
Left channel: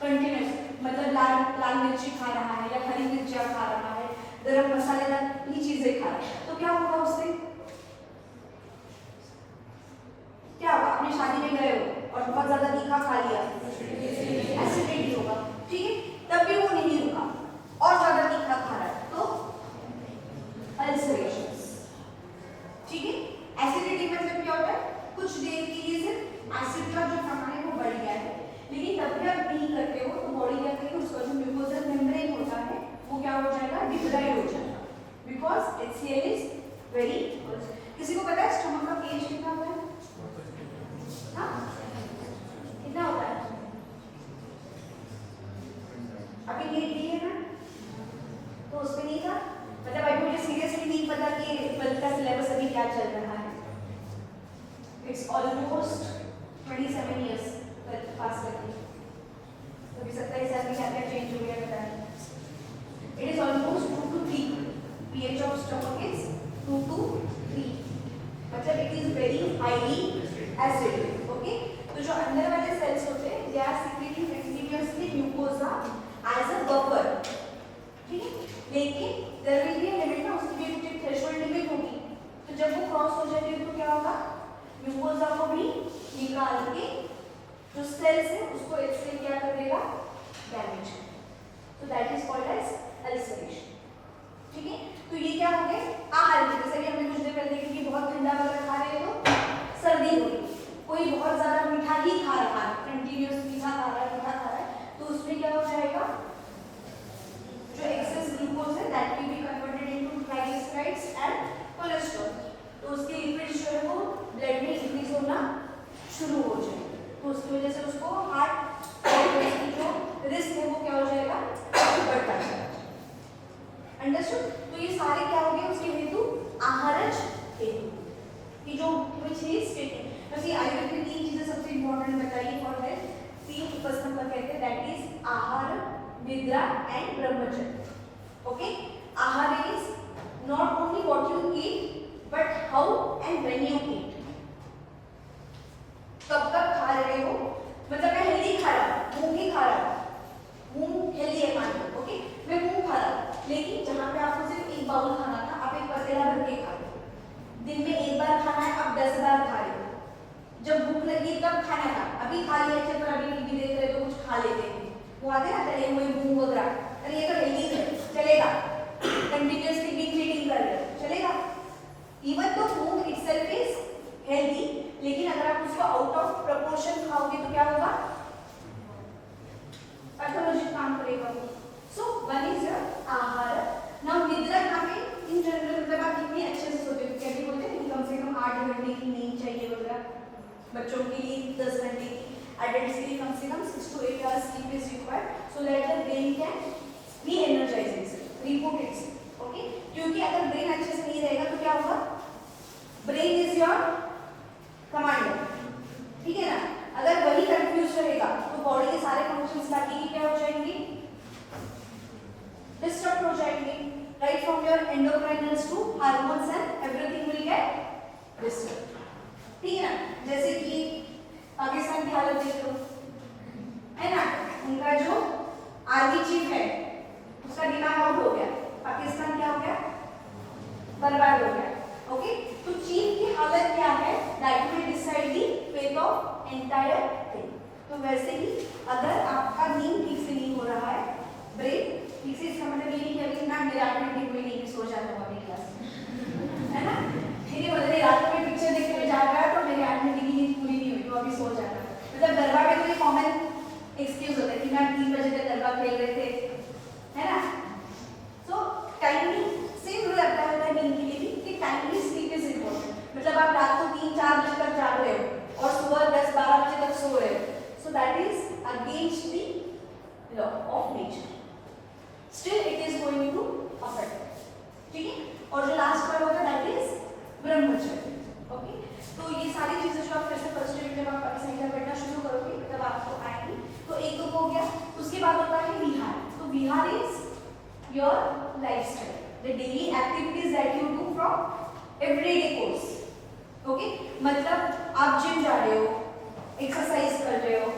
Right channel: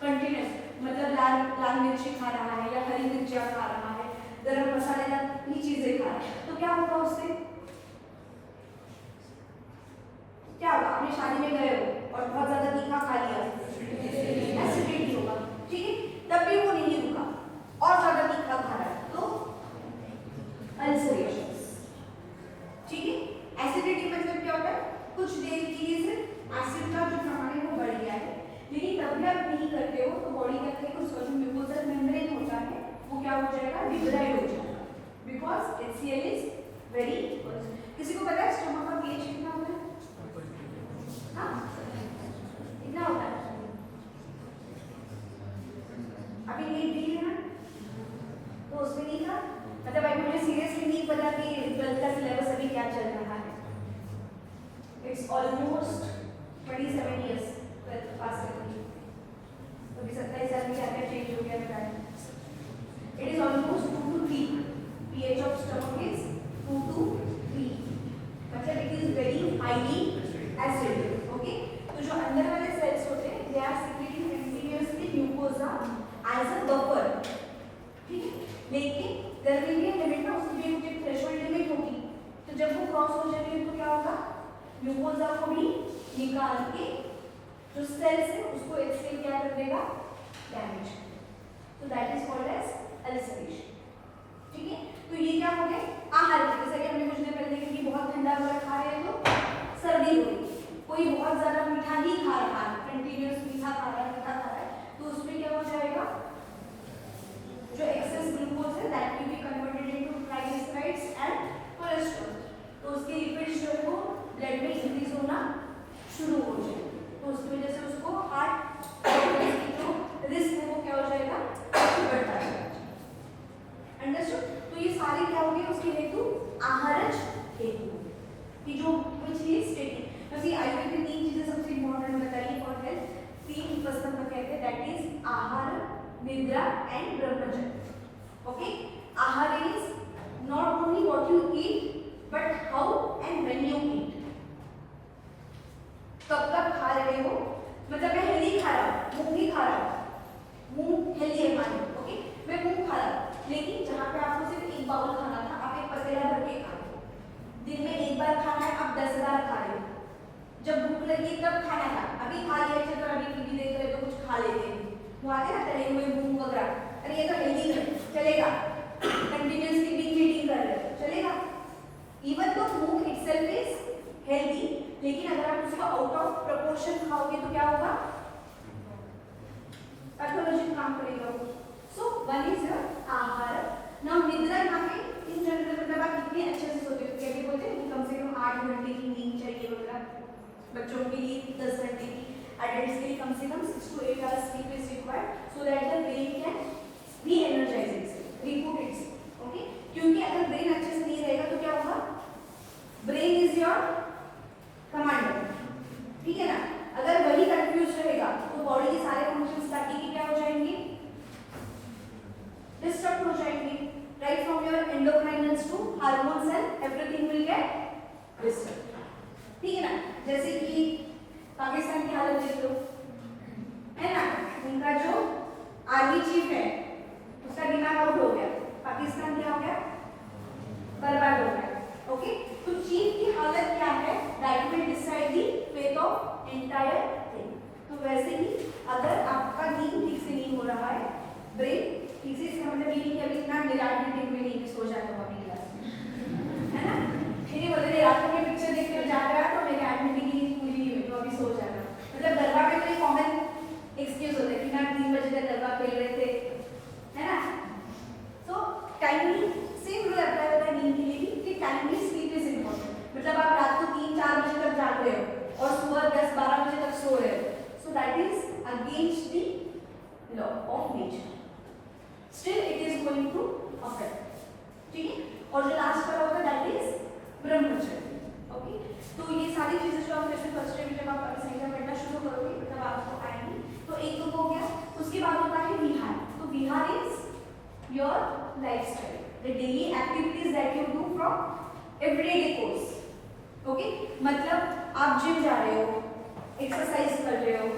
कंटिन्यूस, मतलब लाल मिर्ची खा रहा है या हरी मिर्चियाँ खा रहा है, गरम मसालेदार ये चीजें खा रहा है, तो क्या होगा उससे? क्या होगा? आपने शादी में गए हो और बहुत ज्यादा तीखा खा लिया, एसिडिटी होगा। ठीक है, तब भी वो नहीं रुका और ज्यादा तीखा खा रहा है तो अल्सरेशन। ठीक है, एसिडिटी मतलब क्या होता है? कुछ देर के लिए सिर्फ एसिड का जो प्रमाण है वो बढ़ गया है, लेकिन तब भी आप नहीं करते हो तो बॉडी क्या करेगी? उसका जो म्यूकोजल मेम्ब्रेन होता है वो क्या हो जाएगा? डिग्रेड हो जाएगा, बिकॉज HCl इज वेरी। किसी को पता है स्टमक का pH कितना होता है? हाँ, कितना होता है? अभी नहीं दी है ना, तो उसमें नहीं था, मतलब अभी मुझे सीरियसली नहीं पता कि 12th का सिलेबस अभी क्या चल रहा है। इट्स ऑलमोस्ट 27 years पास करके, तो भी 27 साल में क्या क्या चेंज हो गया बताएं। It is almost 2 to 3, pH of stomach is 2 to 3, मतलब it is very highly acidic. Okay, तो जो अंदर वाले सेल्स होते हैं दे आर सीक्रेटिंग कंटीन्यूअसली ग्लूकोजा एज अ बफर। ठीक है, लेकिन there will be a limit, उसकी भी एक थ्रेशोल्ड लिमिट होगी, तो जब वो क्रॉस हो जाती है तो क्या होगा? ग्लूकोजा को भी निकाल के जो सेल्स है उसको HCl क्या कर देगा? डैमेज। तो that is called as ulceration. ठीक है, तो ये क्या हो गया? आहार में जैसे कि हमने कुछ देर पहले देखा कि बहुत ठंडा वाला खा रहे हो तो सर्दी हो गई, कोई बहुत ज्यादा मीठा ही खा रहा है, कंटिन्यूअस मीठा खा रहा है, तो उसमें क्या हो जाएगा? जो एक्सेस ग्लूकोज है that will be converted into triglycerides and cholesterol, तो उसके लिपिड्स जो है वो ब्लड में इंक्रीज होना शुरू हो जाएगा, तो उसकी वजह से उसको हार्ट की जो रिस्क है वो क्या हो जाएगा? बढ़ता जाएगा। अंडरस्टूड? तो ये सारी क्या होगी? तीन फर्स्ट नंबर कहते हैं, दैट इज आहार, निद्रा एंड ब्रह्मचर्य. ओके, आहार is not only what you eat but how and when you eat. कब कब खा रहे हो, मतलब मैं हेल्दी खा रहा हूँ, मूंग ही खा रहा हूँ, मूंग हेल्दी है मान लो. ओके, मैं मूंग खा रहा हूँ, लेकिन जहाँ पे आपको सिर्फ एक बाउल खाना था आप एक पतीला भर के खा रहे हो. दिन में एक बार खाना है, आप 10 बार खा रहे हो. जब भूख लगी तब खाना था, अभी खा लिया, चल अभी टीवी देख रहे तो कुछ खा लेते हैं, वो आते ना तले हुए मूंग वगैरह, अरे ये तो हेल्दी है, चलेगा. कंटिन्यूअसली बीइंग ईटिंग कर रहे हो, चलेगा. इवन तो मूंग इटसेल्फ इज हेल्दी, लेकिन अगर आप उसको आउट ऑफ प्रोपोर्शन खाओगे तो क्या होगा, पैथोलॉजी काम करेगा. सो वन इज योर आहार. नाउ निद्रा कहाँ है इन जनरल, मतलब आप कितने अच्छे से सोते हो, कैसे बोलते हैं कि कम से कम 8 घंटे की नींद चाहिए वगैरह. बच्चों के लिए 10 घंटे की, एडल्ट्स के लिए कम से कम 6 to 8 hours sleep is required so that the brain can re-energize itself, reboot itself. Okay, क्योंकि अगर ब्रेन अच्छे से नहीं रहेगा तो क्या होगा, ब्रेन इज योर कमांडर, ठीक है ना. अगर वही कंफ्यूज रहेगा तो बॉडी के सारे फंक्शंस बाकी के क्या हो जाएंगे, डिस्टर्ब हो जाएंगे. Right from your endocrinals to hormones and everything will get disturb. ठीक है ना. जैसे कि पाकिस्तान की हालत देख लो, है ना, उनका जो आर्मी चीफ है उसका दिमाग आउट हो गया, पाकिस्तान क्या हो गया, बर्बाद हो गया. ओके, तो चीफ की हालत क्या है, that will decide the fate of entire thing. तो वैसे ही अगर आपका नींद ठीक से नहीं हो रहा है, ब्रेन ठीक से, इसका मतलब ये नहीं कि अभी ना मेरे 8 घंटे में नहीं सो जाता हूँ अपनी क्लास में, है ना. ठीक बोल रहे रात में पिक्चर देखते हुए जा रहा है तो मेरे 8 घंटे की नींद पूरी नहीं हुई तो अभी सो जाना. मतलब गरबा के लिए कॉमन एक्सक्यूज होता है कि ना 3 बजे तक गरबा खेल रहे थे, है ना. सो टाइमिंग से रूल लगता है नींद के लिए भी कि टाइमली स्लीप इज इम्पोर्टेंट. मतलब आप रात को 3-4 बजे तक जाग रहे हो और सुबह 10-12 बजे तक सो रहे हो, so that is against the law of nature. Still it is going to affect. ठीक है. और जो लास्ट का होगा दैट इज ब्रह्मचर्य. ओके, तो ये सारी चीजें जो आप जैसे फर्स्ट ईयर में जब आप संहिता पढ़ना शुरू करोगे तब आपको आएंगी. तो एक तो हो गया, उसके बाद होता है विहार. तो विहार is your lifestyle, the daily activities that you do from everyday course. Okay, मतलब आप जिम जा रहे हो, एक्सरसाइज कर रहे हो,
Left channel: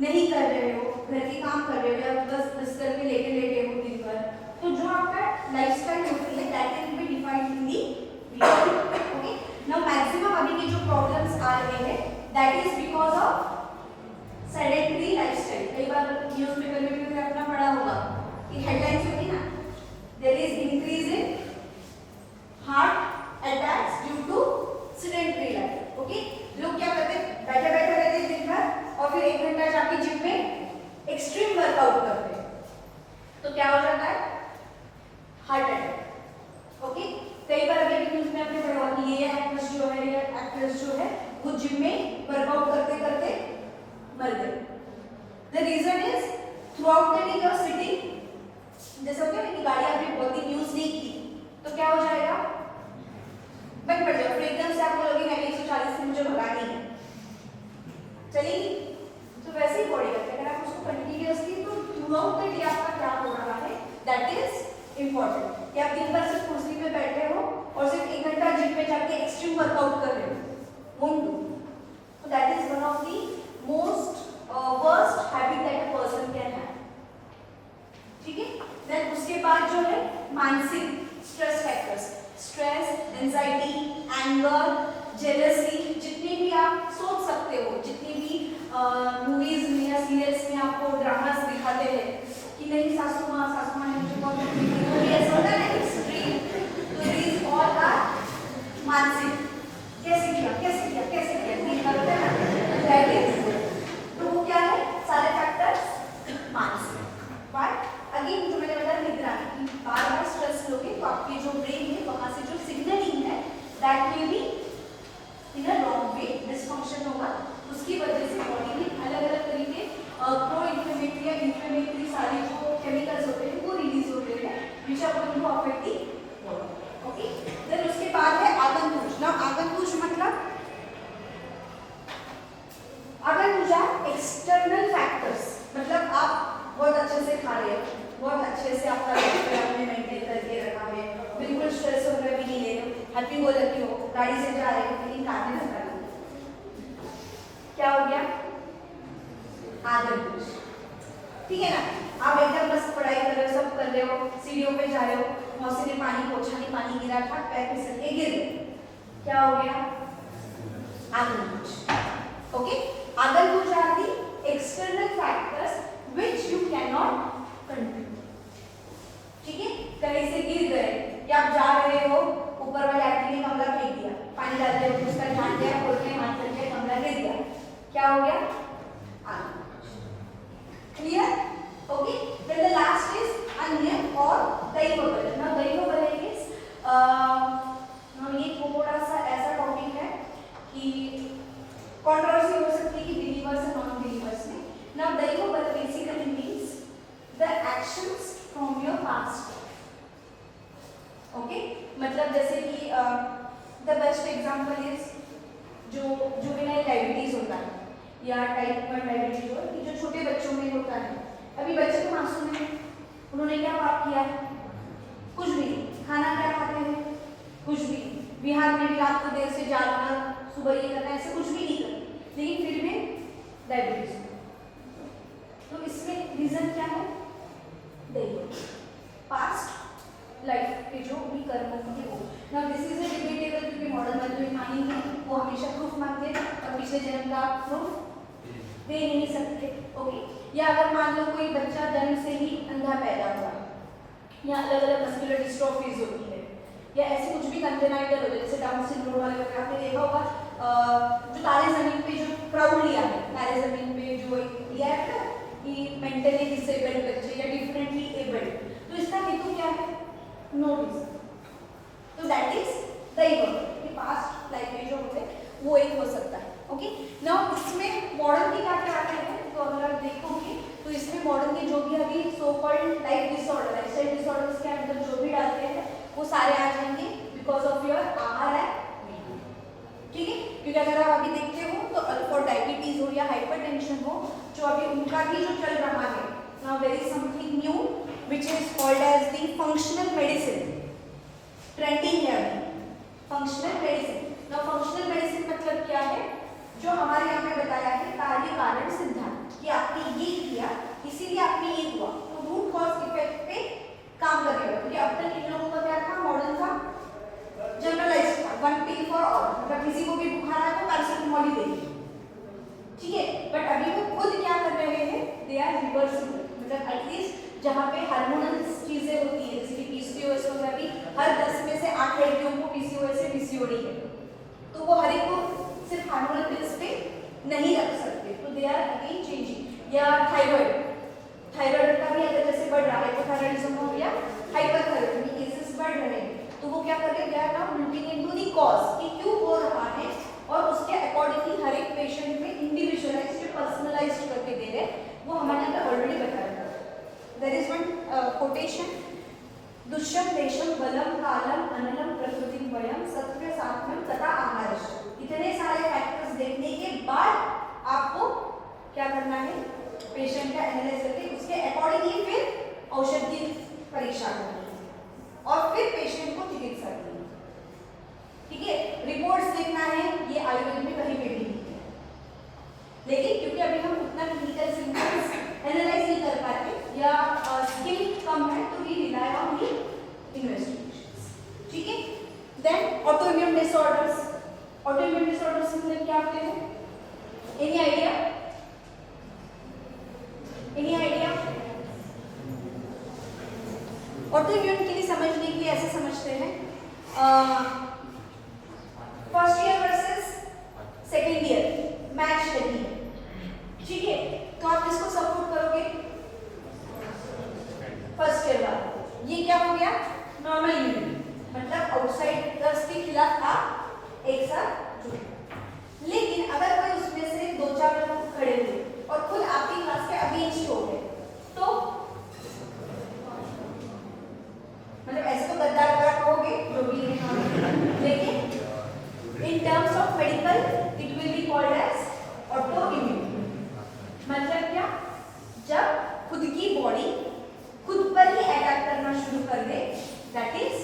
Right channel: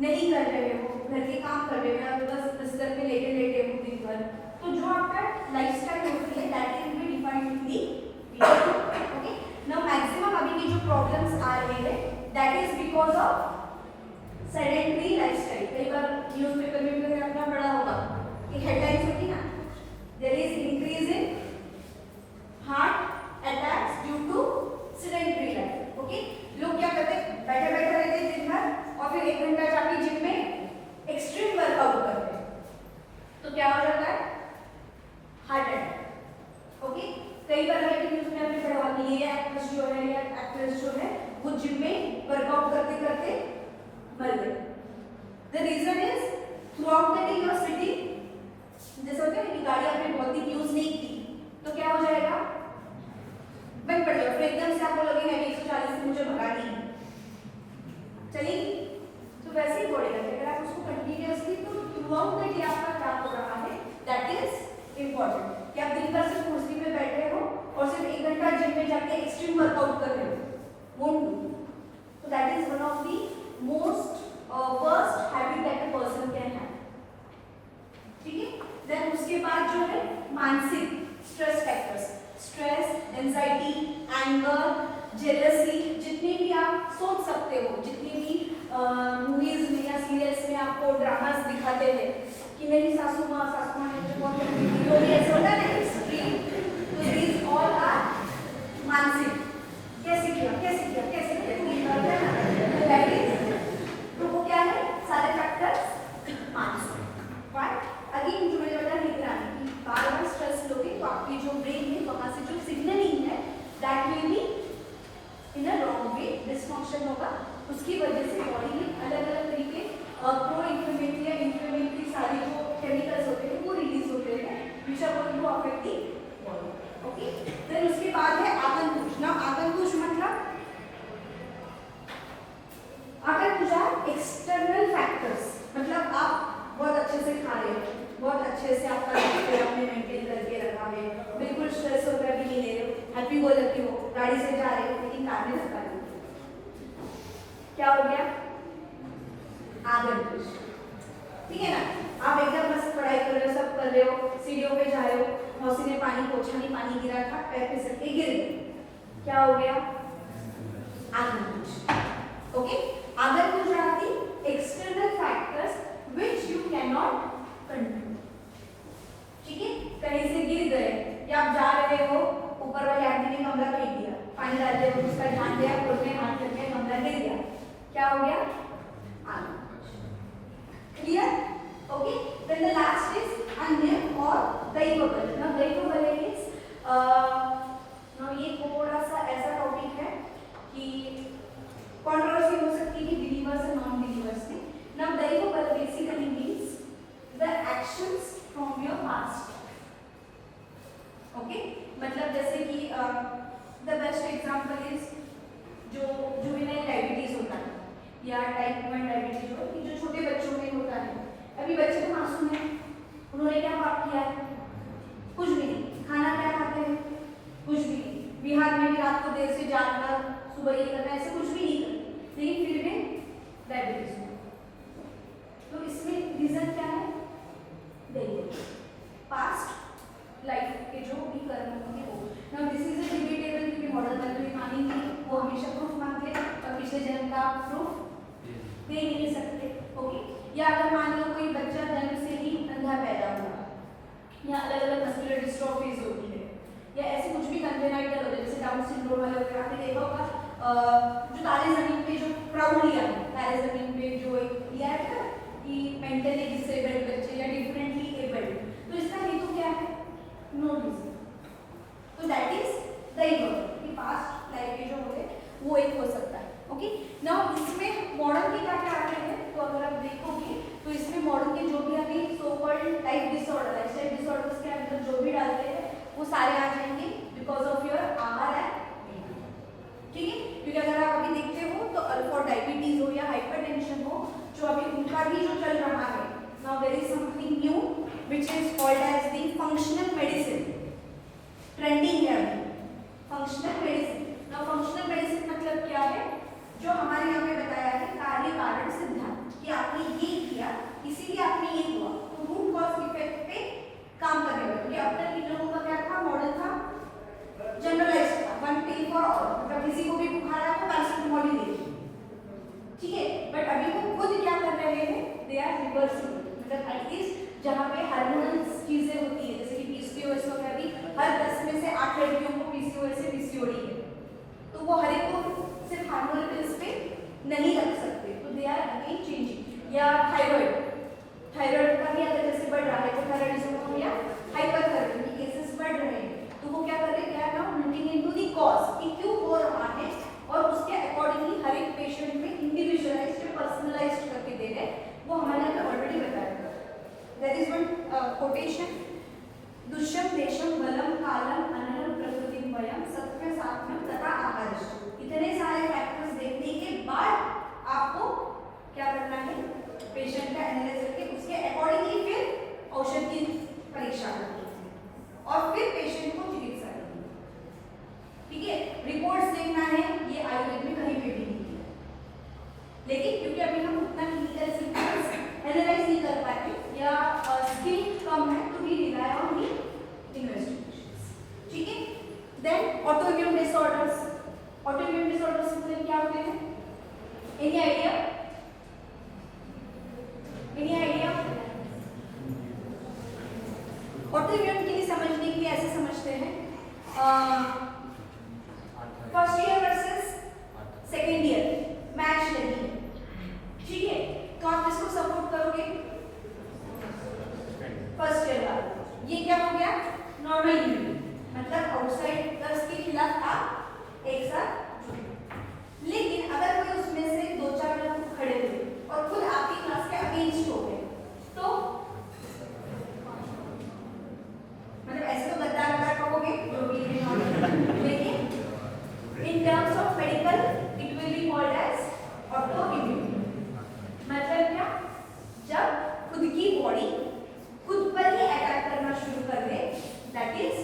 नहीं कर रहे हो, घर के काम कर रहे हो या बस बिस्तर पे लेटे लेटे हो दिन भर, तो जो आपका लाइफस्टाइल होती है that is be defined in the. Okay, now maximum अभी के जो प्रॉब्लम्स आ रहे हैं that is because of sedentary lifestyle. कई बार न्यूज़पेपर में भी आपने पढ़ा होगा कि हेडलाइंस होती ना, there is increase in heart attacks due to sedentary life. Okay, लोग क्या करते हैं, बैठे बैठे रहते हैं दिन भर और फिर 1 घंटा जाके जिम में एक्सट्रीम वर्कआउट करते हैं, तो क्या हो जाता है, हार्ट अटैक. ओके, कई बार अगर न्यूज़ में आपने पढ़ा कि ये एक्ट्रेस जो है या एक्ट्रेस जो है वो जिम में वर्कआउट करते करते मर गए. The reason is throughout the day you are sitting, जैसे होता है कि गाड़ी आपने बहुत दिन यूज नहीं की तो क्या हो जाएगा, बंद पड़ जाएगा. एकदम से आपको लगेगा मैं 140 से मुझे भगानी है, चलिए. तो वैसे ही बॉडी करते हैं, अगर आप उसको कंटिन्यूअसली, तो थ्रू आउट द डे आपका क्या हो रहा है दैट इज इम्पोर्टेंट. कि आप दिन भर सिर्फ कुर्सी में बैठे हो और सिर्फ 1 घंटा जिम में जाके एक्सट्रीम वर्कआउट कर रहे हो, won't do. So that is one of the most worst habit that a person can have. ठीक है. Then उसके बाद जो है मानसिक stress factors, stress, anxiety, anger, jealousy, जितने भी आप सोच सकते हो, जितने भी मूवीज में या सीरियल्स में आपको ड्रामास दिखाते हैं कि नहीं सासू माँ ने जो भी ऐसा होता है ना एक्सट्रीम, तो these all are मानसिक. कैसे किया राइट इज, तो वो क्या है, सारे फैक्टर्स मानसिक. बट अगेन जो मैंने बताया निद्रा की बार बार स्ट्रेस लोगे तो आपकी जो ब्रेन है वहां से जो सिग्नलिंग है that will be in a wrong way, dysfunction होगा. उसकी वजह से बॉडी में अलग अलग तरीके प्रो इन्फ्लेमेटरी या इन्फ्लेमेटरी सारे जो केमिकल्स होते हैं वो रिलीज होते हैं which are going to affect the body. Okay, then उसके बाद है आगंतुक. ना आगंतुक मतलब आगंतुक external factor happy go lucky हो, गाड़ी से जा रहे हो लेकिन कार में धक्का लग गया, क्या हो गया? आदर दोष। ठीक है ना? आप एकदम बस पढ़ाई कर रहे हो, सब कर रहे हो, सीढ़ियों पे जा रहे हो, मौसी ने पानी पोछा नहीं, पानी गिरा था, पैर फिसल के गिर गए, क्या हो गया? आदर दोष। Okay, other dosha are the external factors which you can not control. ठीक है, कहीं से गिर गए या आप जा रहे हो, ऊपर वाले आदमी ने कमरा फेंक दिया, पानी डाल दिया, उसका ध्यान दिया, खुद में हाथ कर दिया, कमरा गिर गया, क्या हो गया? Clear? Okay. Then the last is अन्य और दैवबल। Now दैवबल is now ये थोड़ा सा ऐसा टॉपिक है कि कंट्रोवर्सी हो सकती है बिलीवर्स और नॉन बिलीवर्स में। Now दैवबल basically means the actions from your past. Okay? मतलब जैसे कि the best example is जो जुवेनाइल डायबिटीज होता है या टाइप 1 डायबिटीज हो, कि जो छोटे बच्चों में होता है। अभी बच्चे तो मासूम हैं, उन्होंने क्या पाप किया है? कुछ भी नहीं। खाना क्या खाते हैं? कुछ भी नहीं। बिहार में भी रात को देर से जागना, सुबह ये करना, ऐसे कुछ भी नहीं करते, लेकिन फिर भी डायबिटीज हो। तो इसमें रीजन क्या है? पास्ट लाइफ के जो भी कर्म होंगे वो। Now this is a debatable, क्योंकि मॉडर्न वर्ल्ड में मानी नहीं, वो हमेशा प्रूफ मांगते हैं और पिछले जन्म का प्रूफ दे नहीं सकते। ओके, या अगर मान लो कोई बच्चा जन्म से ही अंधा पैदा हुआ, या अलग अलग मस्कुलर डिस्ट्रॉफीज होती है, या ऐसे कुछ भी कंजेनाइटल हो जाए, जैसे डाउन सिंड्रोम वाले होते हैं, आपने देखा होगा जो तारे जमीन पे जो क्राउड लिया है, तारे जमीन पे जो एक लिया है ना कि मेंटली डिसेबल्ड बच्चे या डिफरेंटली एबल्ड, तो इसका हेतु क्या है? No reason. तो दैट इज दैवबल, कि पास्ट लाइफ में जो होते हैं वो एक हो सकता है। ओके, नाउ इसमें मॉडर्न की क्या क्या आते हैं, तो अगर आप देखोगे तो इसमें मॉडर्न के जो भी अभी so called life disorder, lifestyle disorders के अंदर जो भी डालते हैं वो सारे आ जाएंगे बिकॉज ऑफ योर आहार एंड। ठीक है, क्योंकि अगर आप अभी देखते हो तो अल्फा डायबिटीज हो या हाइपरटेंशन हो, जो अभी उनका भी जो चल रहा है, now there is something new which is called as the functional medicine, trending है अभी functional medicine. Now functional medicine मतलब क्या है? जो हमारे यहाँ पे बताया है कार्य कारण सिद्धांत, कि आपने ये किया इसीलिए आपने ये हुआ, तो रूट कॉज इफेक्ट पे काम करने वाला। क्योंकि अब तक इन लोगों का क्या था? मॉडल था जनरलाइज्ड था, वन पिल फॉर ऑल, मतलब किसी को भी बुखार आया तो पैरासिटामोल ही लेंगे, ठीक है। बट अभी वो खुद क्या कर रहे हैं? दे आर रिवर्सिबल, मतलब एटलीस्ट जहाँ पे हार्मोनल चीजें होती है, जैसे कि पीसीओएस हो गया, अभी हर 10 में से 8 लड़कियों को पीसीओएस से पीसीओडी है, तो वो हर एक को सिर्फ हार्मोनल पिल्स पे नहीं रख सकते, तो दे आर अगेन चेंजिंग। या थायराइड, थायराइड का भी अगर जैसे बढ़ रहा है, हाइपोथायराइडिज्म हो गया, हाइपरथायराइड केसेस बढ़ रहे हैं, तो वो क्या करें? क्या है? लुकिंग इनटू द कॉज, कि क्यों हो रहा है, और उसके अकॉर्डिंगली हर एक पेशेंट में इंडिविजुअलाइज्ड पर्सनलाइज्ड करके दे रहे हैं, वो हमारे यहाँ ऑलरेडी बताया है। देयर इज वन कोटेशन, दुष्यम देशम बलम कालम अनलम प्रकृति वयम सत्य सात्म्यम तथा आहारश्च। इतने सारे फैक्टर्स देखने के बाद आपको क्या करना है? पेशेंट का एनालिसिस करके उसके अकॉर्डिंगली फिर औषध की परीक्षा करनी है और फिर पेशेंट को चिकित्सा देनी है। ठीक है, रिपोर्ट्स देखना है, ये आयुर्वेद में कहीं पे भी नहीं है, लेकिन क्योंकि अभी हम उतना क्लिनिकल सिम्पटम्स एनालाइज नहीं कर पाते या स्किल कम है, तो we rely on the investigations. ठीक है, then autoimmune disorders, autoimmune disorders मतलब क्या होते हैं? Any idea? Any idea? Autoimmune के लिए समझने के लिए ऐसे समझते हैं, first year versus second year match नहीं है, ठीक है, तो आप किसको सपोर्ट करोगे? फर्स्ट ईयर वाला। ये क्या हो गया? नॉर्मल इम्यूनिटी, मतलब आउटसाइडर्स के खिलाफ आप एक साथ जुड़े। लेकिन अगर कोई उसमें से 2-4 लोग खड़े हुए और खुद आपकी क्लास के अगेंस्ट हो गए, तो मतलब ऐसे तो गद्दार वगैरह कहोगे जो भी, लेकिन in terms of medical it will be called as auto immunity. मतलब क्या? जब खुद की बॉडी खुद पर ही अटैक करना शुरू कर दे, दैट इज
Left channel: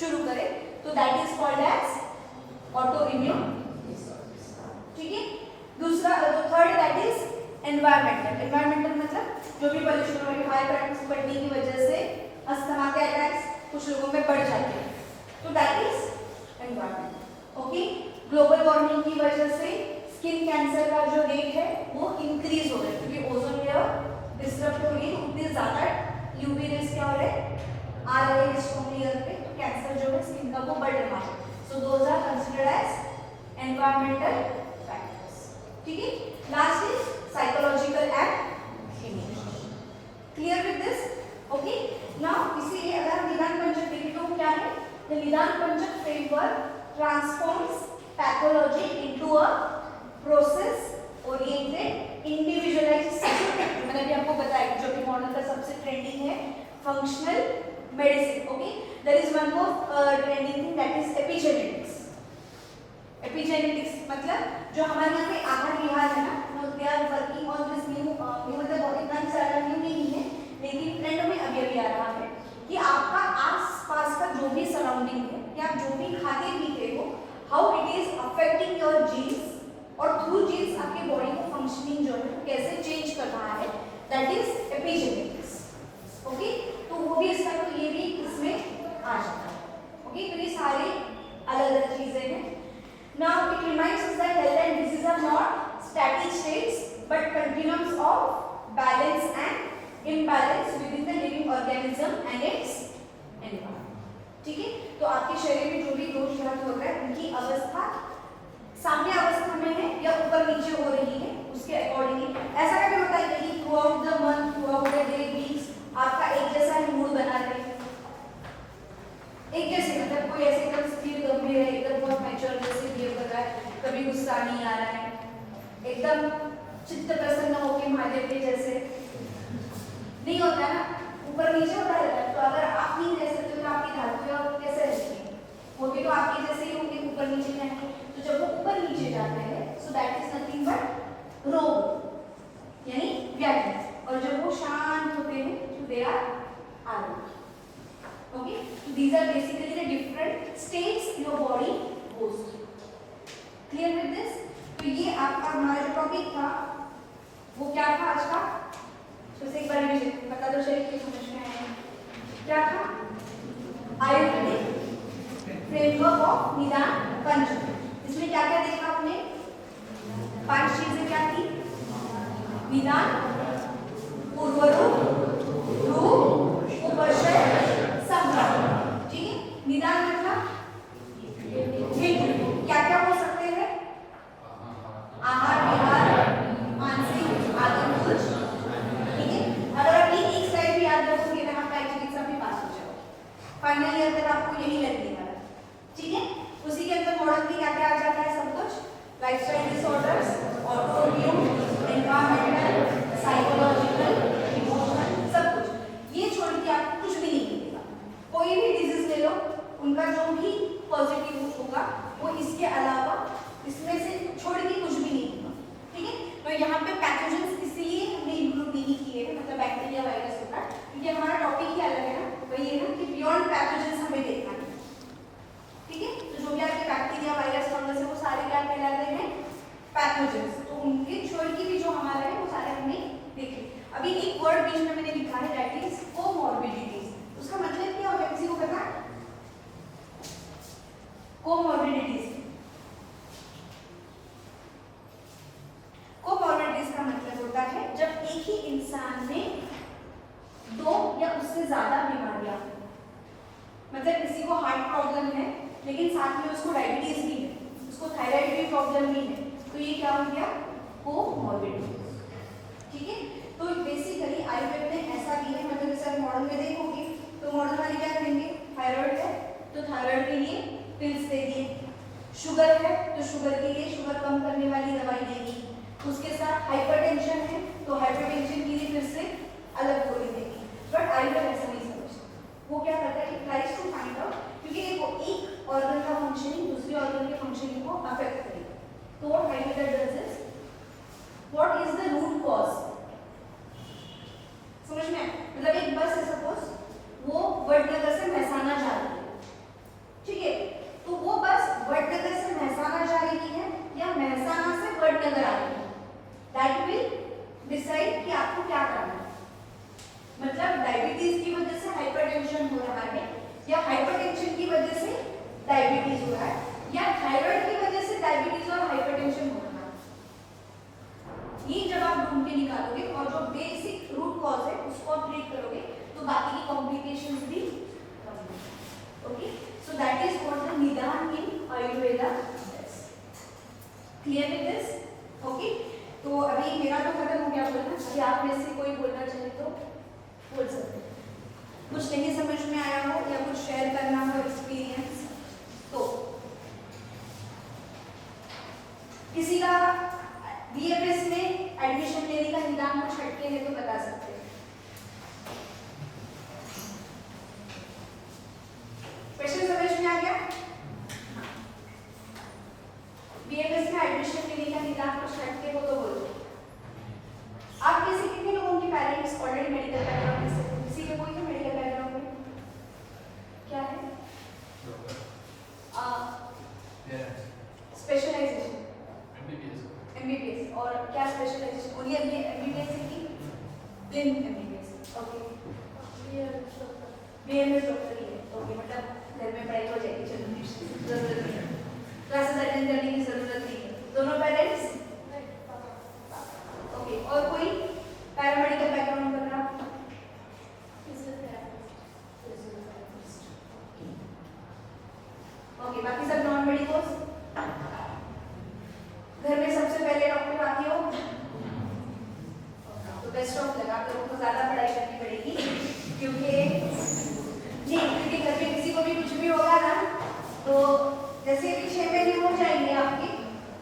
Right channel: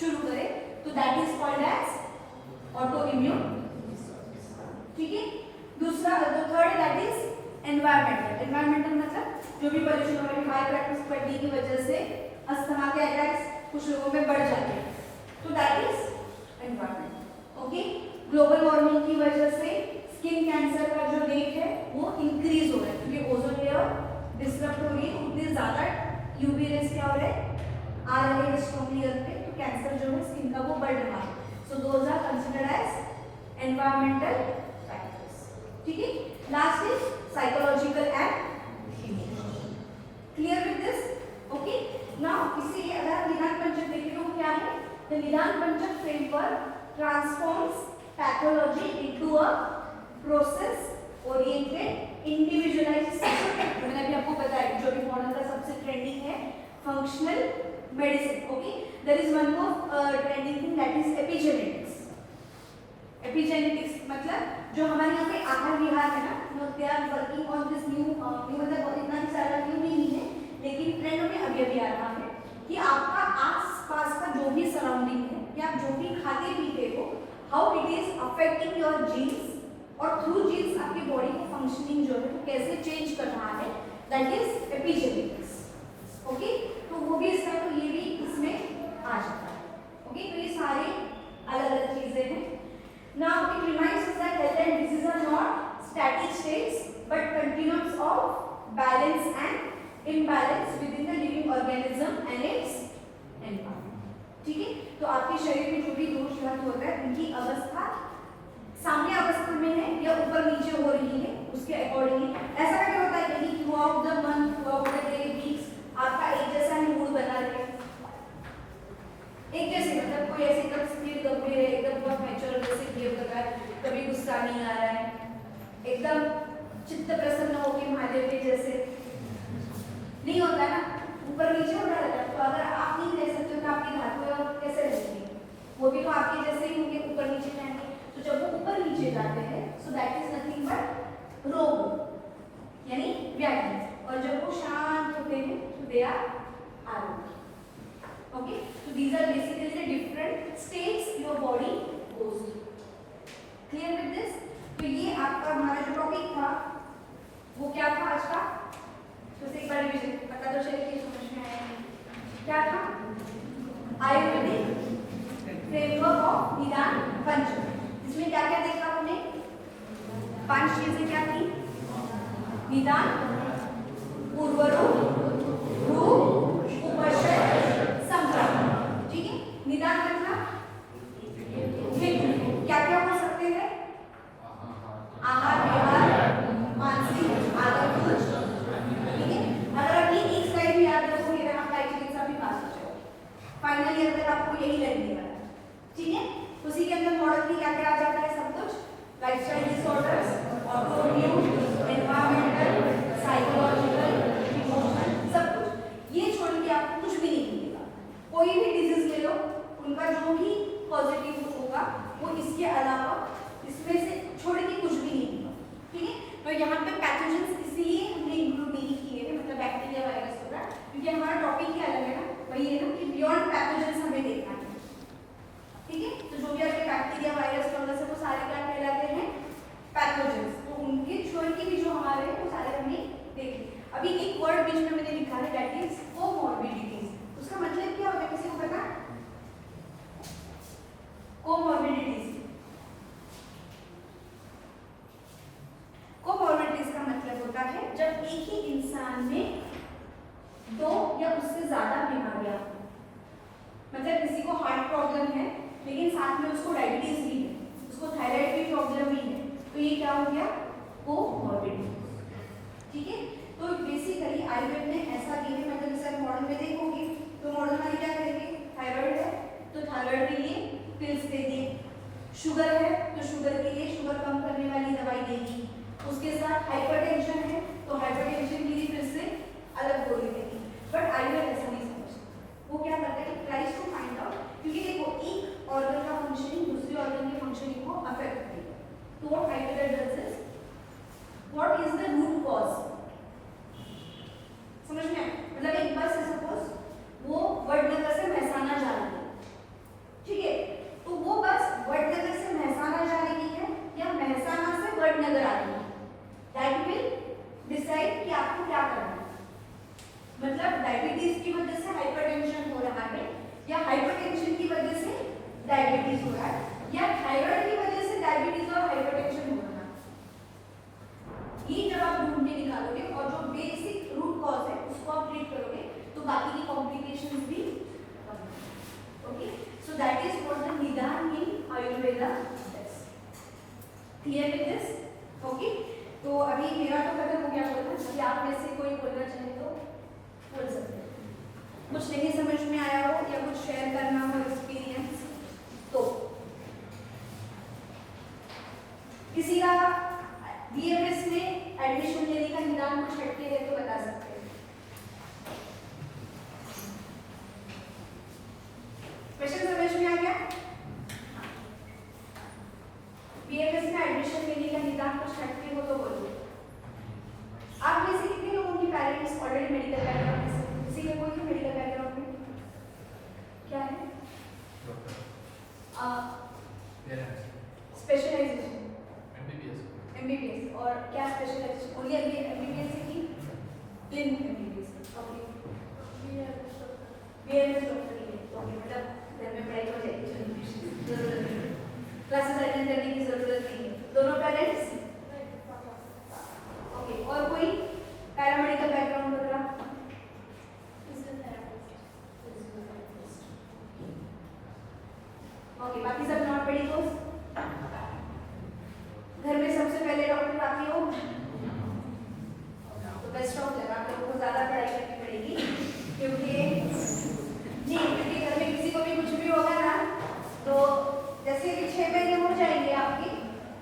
शुरू करें तो that is called as auto immune. ठीक है, दूसरा जो third that is environmental. Environmental मतलब जो भी पोल्यूशन हो रही है, हाई प्रैक्टिस की वजह से अस्थमा के अटैक्स कुछ लोगों में बढ़ जाते हैं, तो that is environment. Okay, global warming की वजह से स्किन कैंसर का जो रेट है वो इंक्रीज हो रहा है, क्योंकि ओजोन लेयर डिस्टर्ब हो रही है, इतनी ज्यादा यूवी रेज क्या हो रहा है आ रहे हैं स्ट्रॉन्ग लेयर पे, तो कैंसर जो है स्किन का वो बढ़ रहा है। So those are considered as environmental factors. ठीक है, last is psychological and emotional. Clear with this? Okay, now इसीलिए अगर हम निदान पंचक देखें तो क्या है, द निदान पंचक framework transforms pathology into a process oriented individualised system. मैंने भी आपको बताया जो भी मॉडल का सबसे ट्रेंडिंग है functional medicine. Okay, there is one more trending thing that is epigenetics. Epigenetics मतलब जो हमारे यहाँ पे आहार विहार है ना, they are working on this new मतलब इतना सारा न्यू नहीं है, लेकिन ट्रेंड में अभी अभी आ रहा है कि आपका आस-पास का जो भी सराउंडिंग है, कि आप जो भी खाते पीते हो, how it is affecting your genes, और थ्रू जीन्स आपके बॉडी को फंक्शनिंग जो है कैसे चेंज कर रहा है, दैट इज एपिजेनेटिक्स। ओके, तो वो भी इसका तो ये भी इसमें आ जाता है। ओके, तो ये सारे अलग अलग चीजें हैं। Now it reminds us that health and disease are not static states but continuums of balance and imbalance within the living organism and its environment. ठीक है, तो आपके शरीर में जो भी दोष ग्रस्त हो रहा है उनकी अवस्था साम्य अवस्था में है या ऊपर नीचे हो रही है, उसके अकॉर्डिंगली ऐसा क्या होता है कि through out the month, through out the day, weeks आपका एक जैसा ही मूड बना रहे, एक जैसे मतलब कोई ऐसे एकदम स्थिर गंभीर है, एकदम बहुत मैच्योर जैसे बिहेव कर रहा है, कभी गुस्सा नहीं आ रहा है, एकदम चित्त प्रसन्न होकर महादेव के जैसे नहीं होता है ना, ऊपर नीचे होता रहता है। तो अगर आप नहीं कह सकते तो आपकी धातु कैसे रहती है, वो भी तो आपके जैसे ही होंगे, ऊपर नीचे जाएंगे। तो जब वो ऊपर नीचे जाते हैं सो दैट इज नथिंग बट रोग यानी व्याधि, और जब वो शांत होते हैं तो दे आर आरोग्य। Okay, so these are basically the different states your body goes through. Clear with this? तो ये आपका हमारा जो टॉपिक था वो क्या था आज का, तो एक बार मुझे बता दो चलिए कि समझ में आया क्या था। आयुर्वेदिक फ्रेमवर्क ऑफ निदान पंचक, इसमें क्या क्या देखा आपने, 5 चीजें क्या थी, निदान, पूर्वरूप, रूप, उपशय, संक्रमण। ठीक है, निदान मतलब क्या क्या हो सकते हैं, आहार विहार, मानसिक आदत। ठीक है, अगर आप ये एक स्लाइड भी याद रखोगे तो आप चिकित्सा में पास हो जाओगे, फाइनल ईयर तक आपको यही लगेगा। ठीक है, उसी के अंदर मॉडल में क्या क्या आ जाता है सब कुछ, lifestyle disorders, autoimmune, environmental, psychological, emotional, सब कुछ। ये छोड़ के आपको कुछ भी नहीं मिलेगा। कोई भी डिजीज ले लो, उनका जो भी पॉजिटिव होगा वो इसके अलावा इसमें से छोड़ के कुछ भी नहीं होगा। ठीक है, तो यहाँ पे पैथोजेंस इसलिए हमने इंक्लूड नहीं किए हैं, मतलब बैक्टीरिया वायरस होगा, क्योंकि हमारा टॉपिक ही अलग है ना, वही है ना कि बियॉन्ड पैथोजेंस हमें देखना है। ठीक है, तो जो भी आपके बैक्टीरिया वायरस फंगस है वो सारे क्या कहलाते हैं, पैथोजेंस। तो उनके छोड़ के भी जो हमारे हैं वो सारे हमने देखे। अभी एक वर्ड बीच में मैंने लिखा है दैट इज कोमॉर्बिडिटीज, उसका मतलब क्या होगा किसी को पता है, कोमॉर्बिडिटीज। कोमॉर्बिडिटीज का मतलब होता है जब एक ही इंसान में 2 या उससे ज्यादा बीमारियां हो, मतलब किसी को हार्ट प्रॉब्लम है लेकिन साथ में उसको डायबिटीज भी है, उसको थायराइड की प्रॉब्लम भी है, तो ये क्या हो गया, कोमॉर्बिडिटीज। ठीक है, तो बेसिकली आयुर्वेद में ऐसा भी है, मतलब इसे मॉडल में देखोगे तो मॉडल वाले क्या करेंगे, थायराइड है तो थायराइड के लिए पिल्स दे दिए, शुगर है तो शुगर के लिए शुगर कम करने वाली दवाई देगी, उसके साथ हाइपरटेंशन है तो हाइपरटेंशन के लिए फिर से अलग गोली देगी। बट आयुर्वेद ऐसा नहीं समझता, वो क्या करता है, ट्राइज टू फाइंड आउट, क्योंकि देखो एक ऑर्गन का फंक्शनिंग दूसरे ऑर्गन के फंक्शनिंग को अफेक्ट करेगा, तो what Ayurveda does is what is the root cause, समझ में, मतलब एक बस है सपोज वो वडनगर से महसाना जा रही है, या हाइपरटेंशन की वजह से डायबिटीज हो रहा है, या थायराइड की वजह से डायबिटीज और हाइपरटेंशन हो रहा है। ये जब आप ढूंढ के निकालोगे और जो बेसिक रूट कॉज है उसको आप ट्रीट करोगे तो बाकी की कॉम्प्लिकेशंस भी कम होंगे। Okay, so that is called the nidan in Ayurveda. Clear with this? Okay, तो अभी मेरा तो खत्म हो गया बोलना, अभी आप में से कोई बोलना चाहे तो बोल सकते हैं। कुछ नहीं समझ में आया हो या कुछ शेयर करना हो एक्सपीरियंस तो किसी का बीएमएस में एडमिशन लेने का निदान कुछ हटके है तो बता सकते हैं। क्वेश्चन समझ में आ गया? बीएमएस में एडमिशन लेने का निदान कुछ हटके हो तो बोलो। आप में से कितने लोगों के पेरेंट्स ऑलरेडी मेडिकल बैकग्राउंड से, किसी के कोई मेडिकल बैकग्राउंड में क्या है? स्पेशलाइजेशन एमबीबीएस और क्या स्पेशलाइजेशन? ओनली एमबीबीएस की plain MBBS. Okay, BMS doctor की है। ओके, मतलब घर में पढ़ाई हो जाएगी, चलो जरूरत नहीं है, क्लासेस अटेंड करने की जरूरत नहीं है। दोनों पेरेंट्स? ओके, और कोई पैरामेडिकल बैकग्राउंड वगैरह? ओके, बाकी सब नॉन मेडिकल्स? घर में सबसे पहले डॉक्टर आप ही हो तो बेस्ट ऑफ लक, आप लोगों को ज्यादा पढ़ाई करनी पड़ेगी क्योंकि जी घर में किसी को भी कुछ भी होगा ना तो जैसे कि 6 महीने हो जाएंगे आपके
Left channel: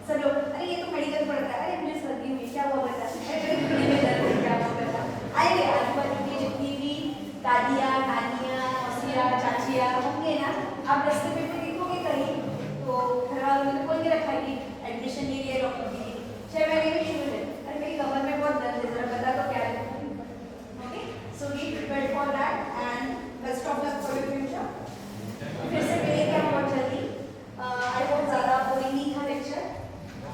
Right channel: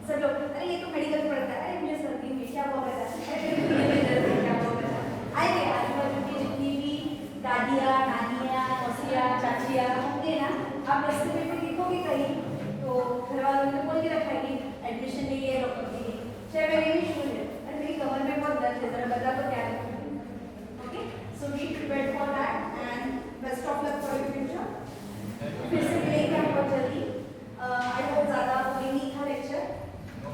सब लोग, अरे ये तो मेडिकल पढ़ता है, अरे मुझे सर्दी में क्या हुआ करता है, क्या हुआ करता है, आएंगे आजू बाजू की जितनी भी दादियाँ नानियाँ मौसियाँ चाचियाँ होंगे ना, आप रास्ते में भी दिखोगे कहीं तो घर वालों ने बोल के रखा कि एडमिशन नहीं है डॉक्टर के लिए 6 महीने में शुरू है, अरे मेरी कमर में बहुत दर्द है, जरा बता दो क्या है। Okay, so be prepared for that and best of luck for your future. फिर से मिलेंगे बहुत जल्दी। आई होप ज़्यादा बोरिंग नहीं था लेक्चर,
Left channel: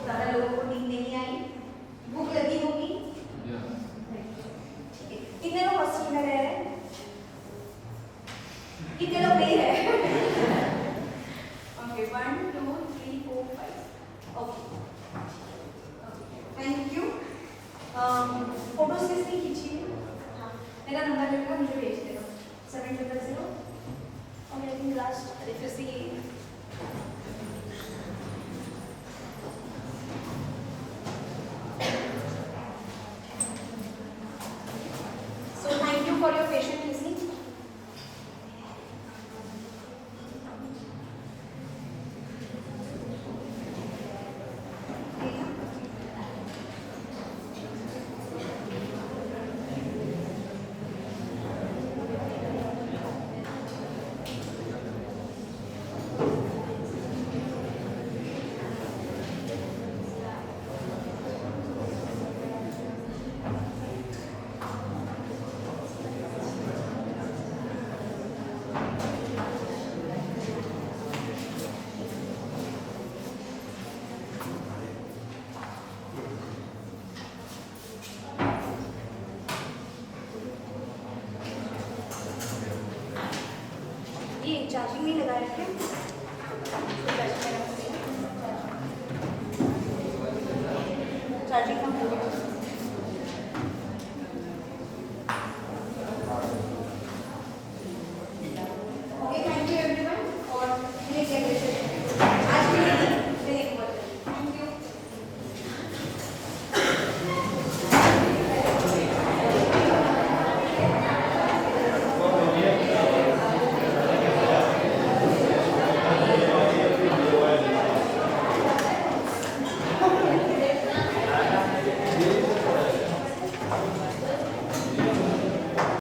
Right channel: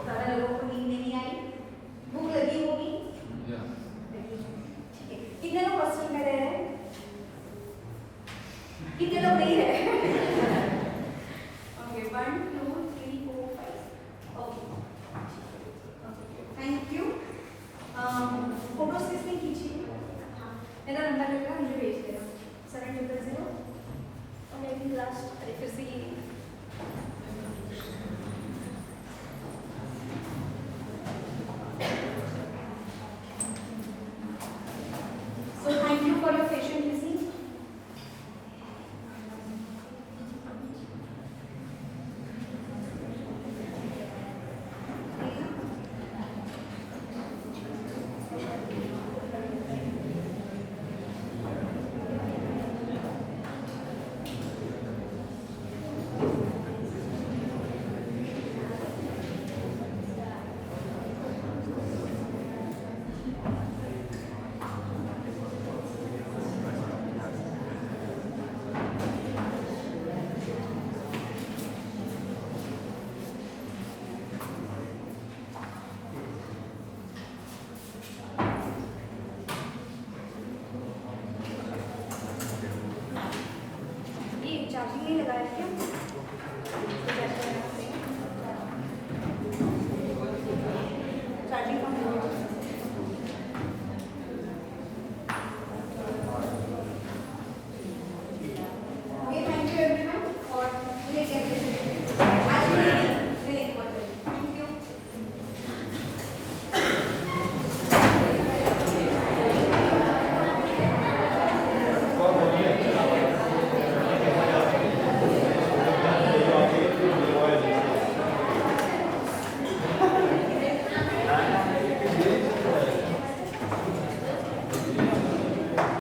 ज़्यादा लोगों को नींद नहीं आई, भूख लगी होगी। ठीक है, कितने लोग हॉस्टल में रह रहे हैं? कितने लोग नहीं रह रहे? Okay, 1 2 3 4 5। Okay, thank you. Photos किसने खींची? हाँ, मेरा नंबर लेकर मुझे भेज दो 700 और मेरी last FSc. So thank you for your patient listening. Charging नहीं लगाया क्या? चार्जिंग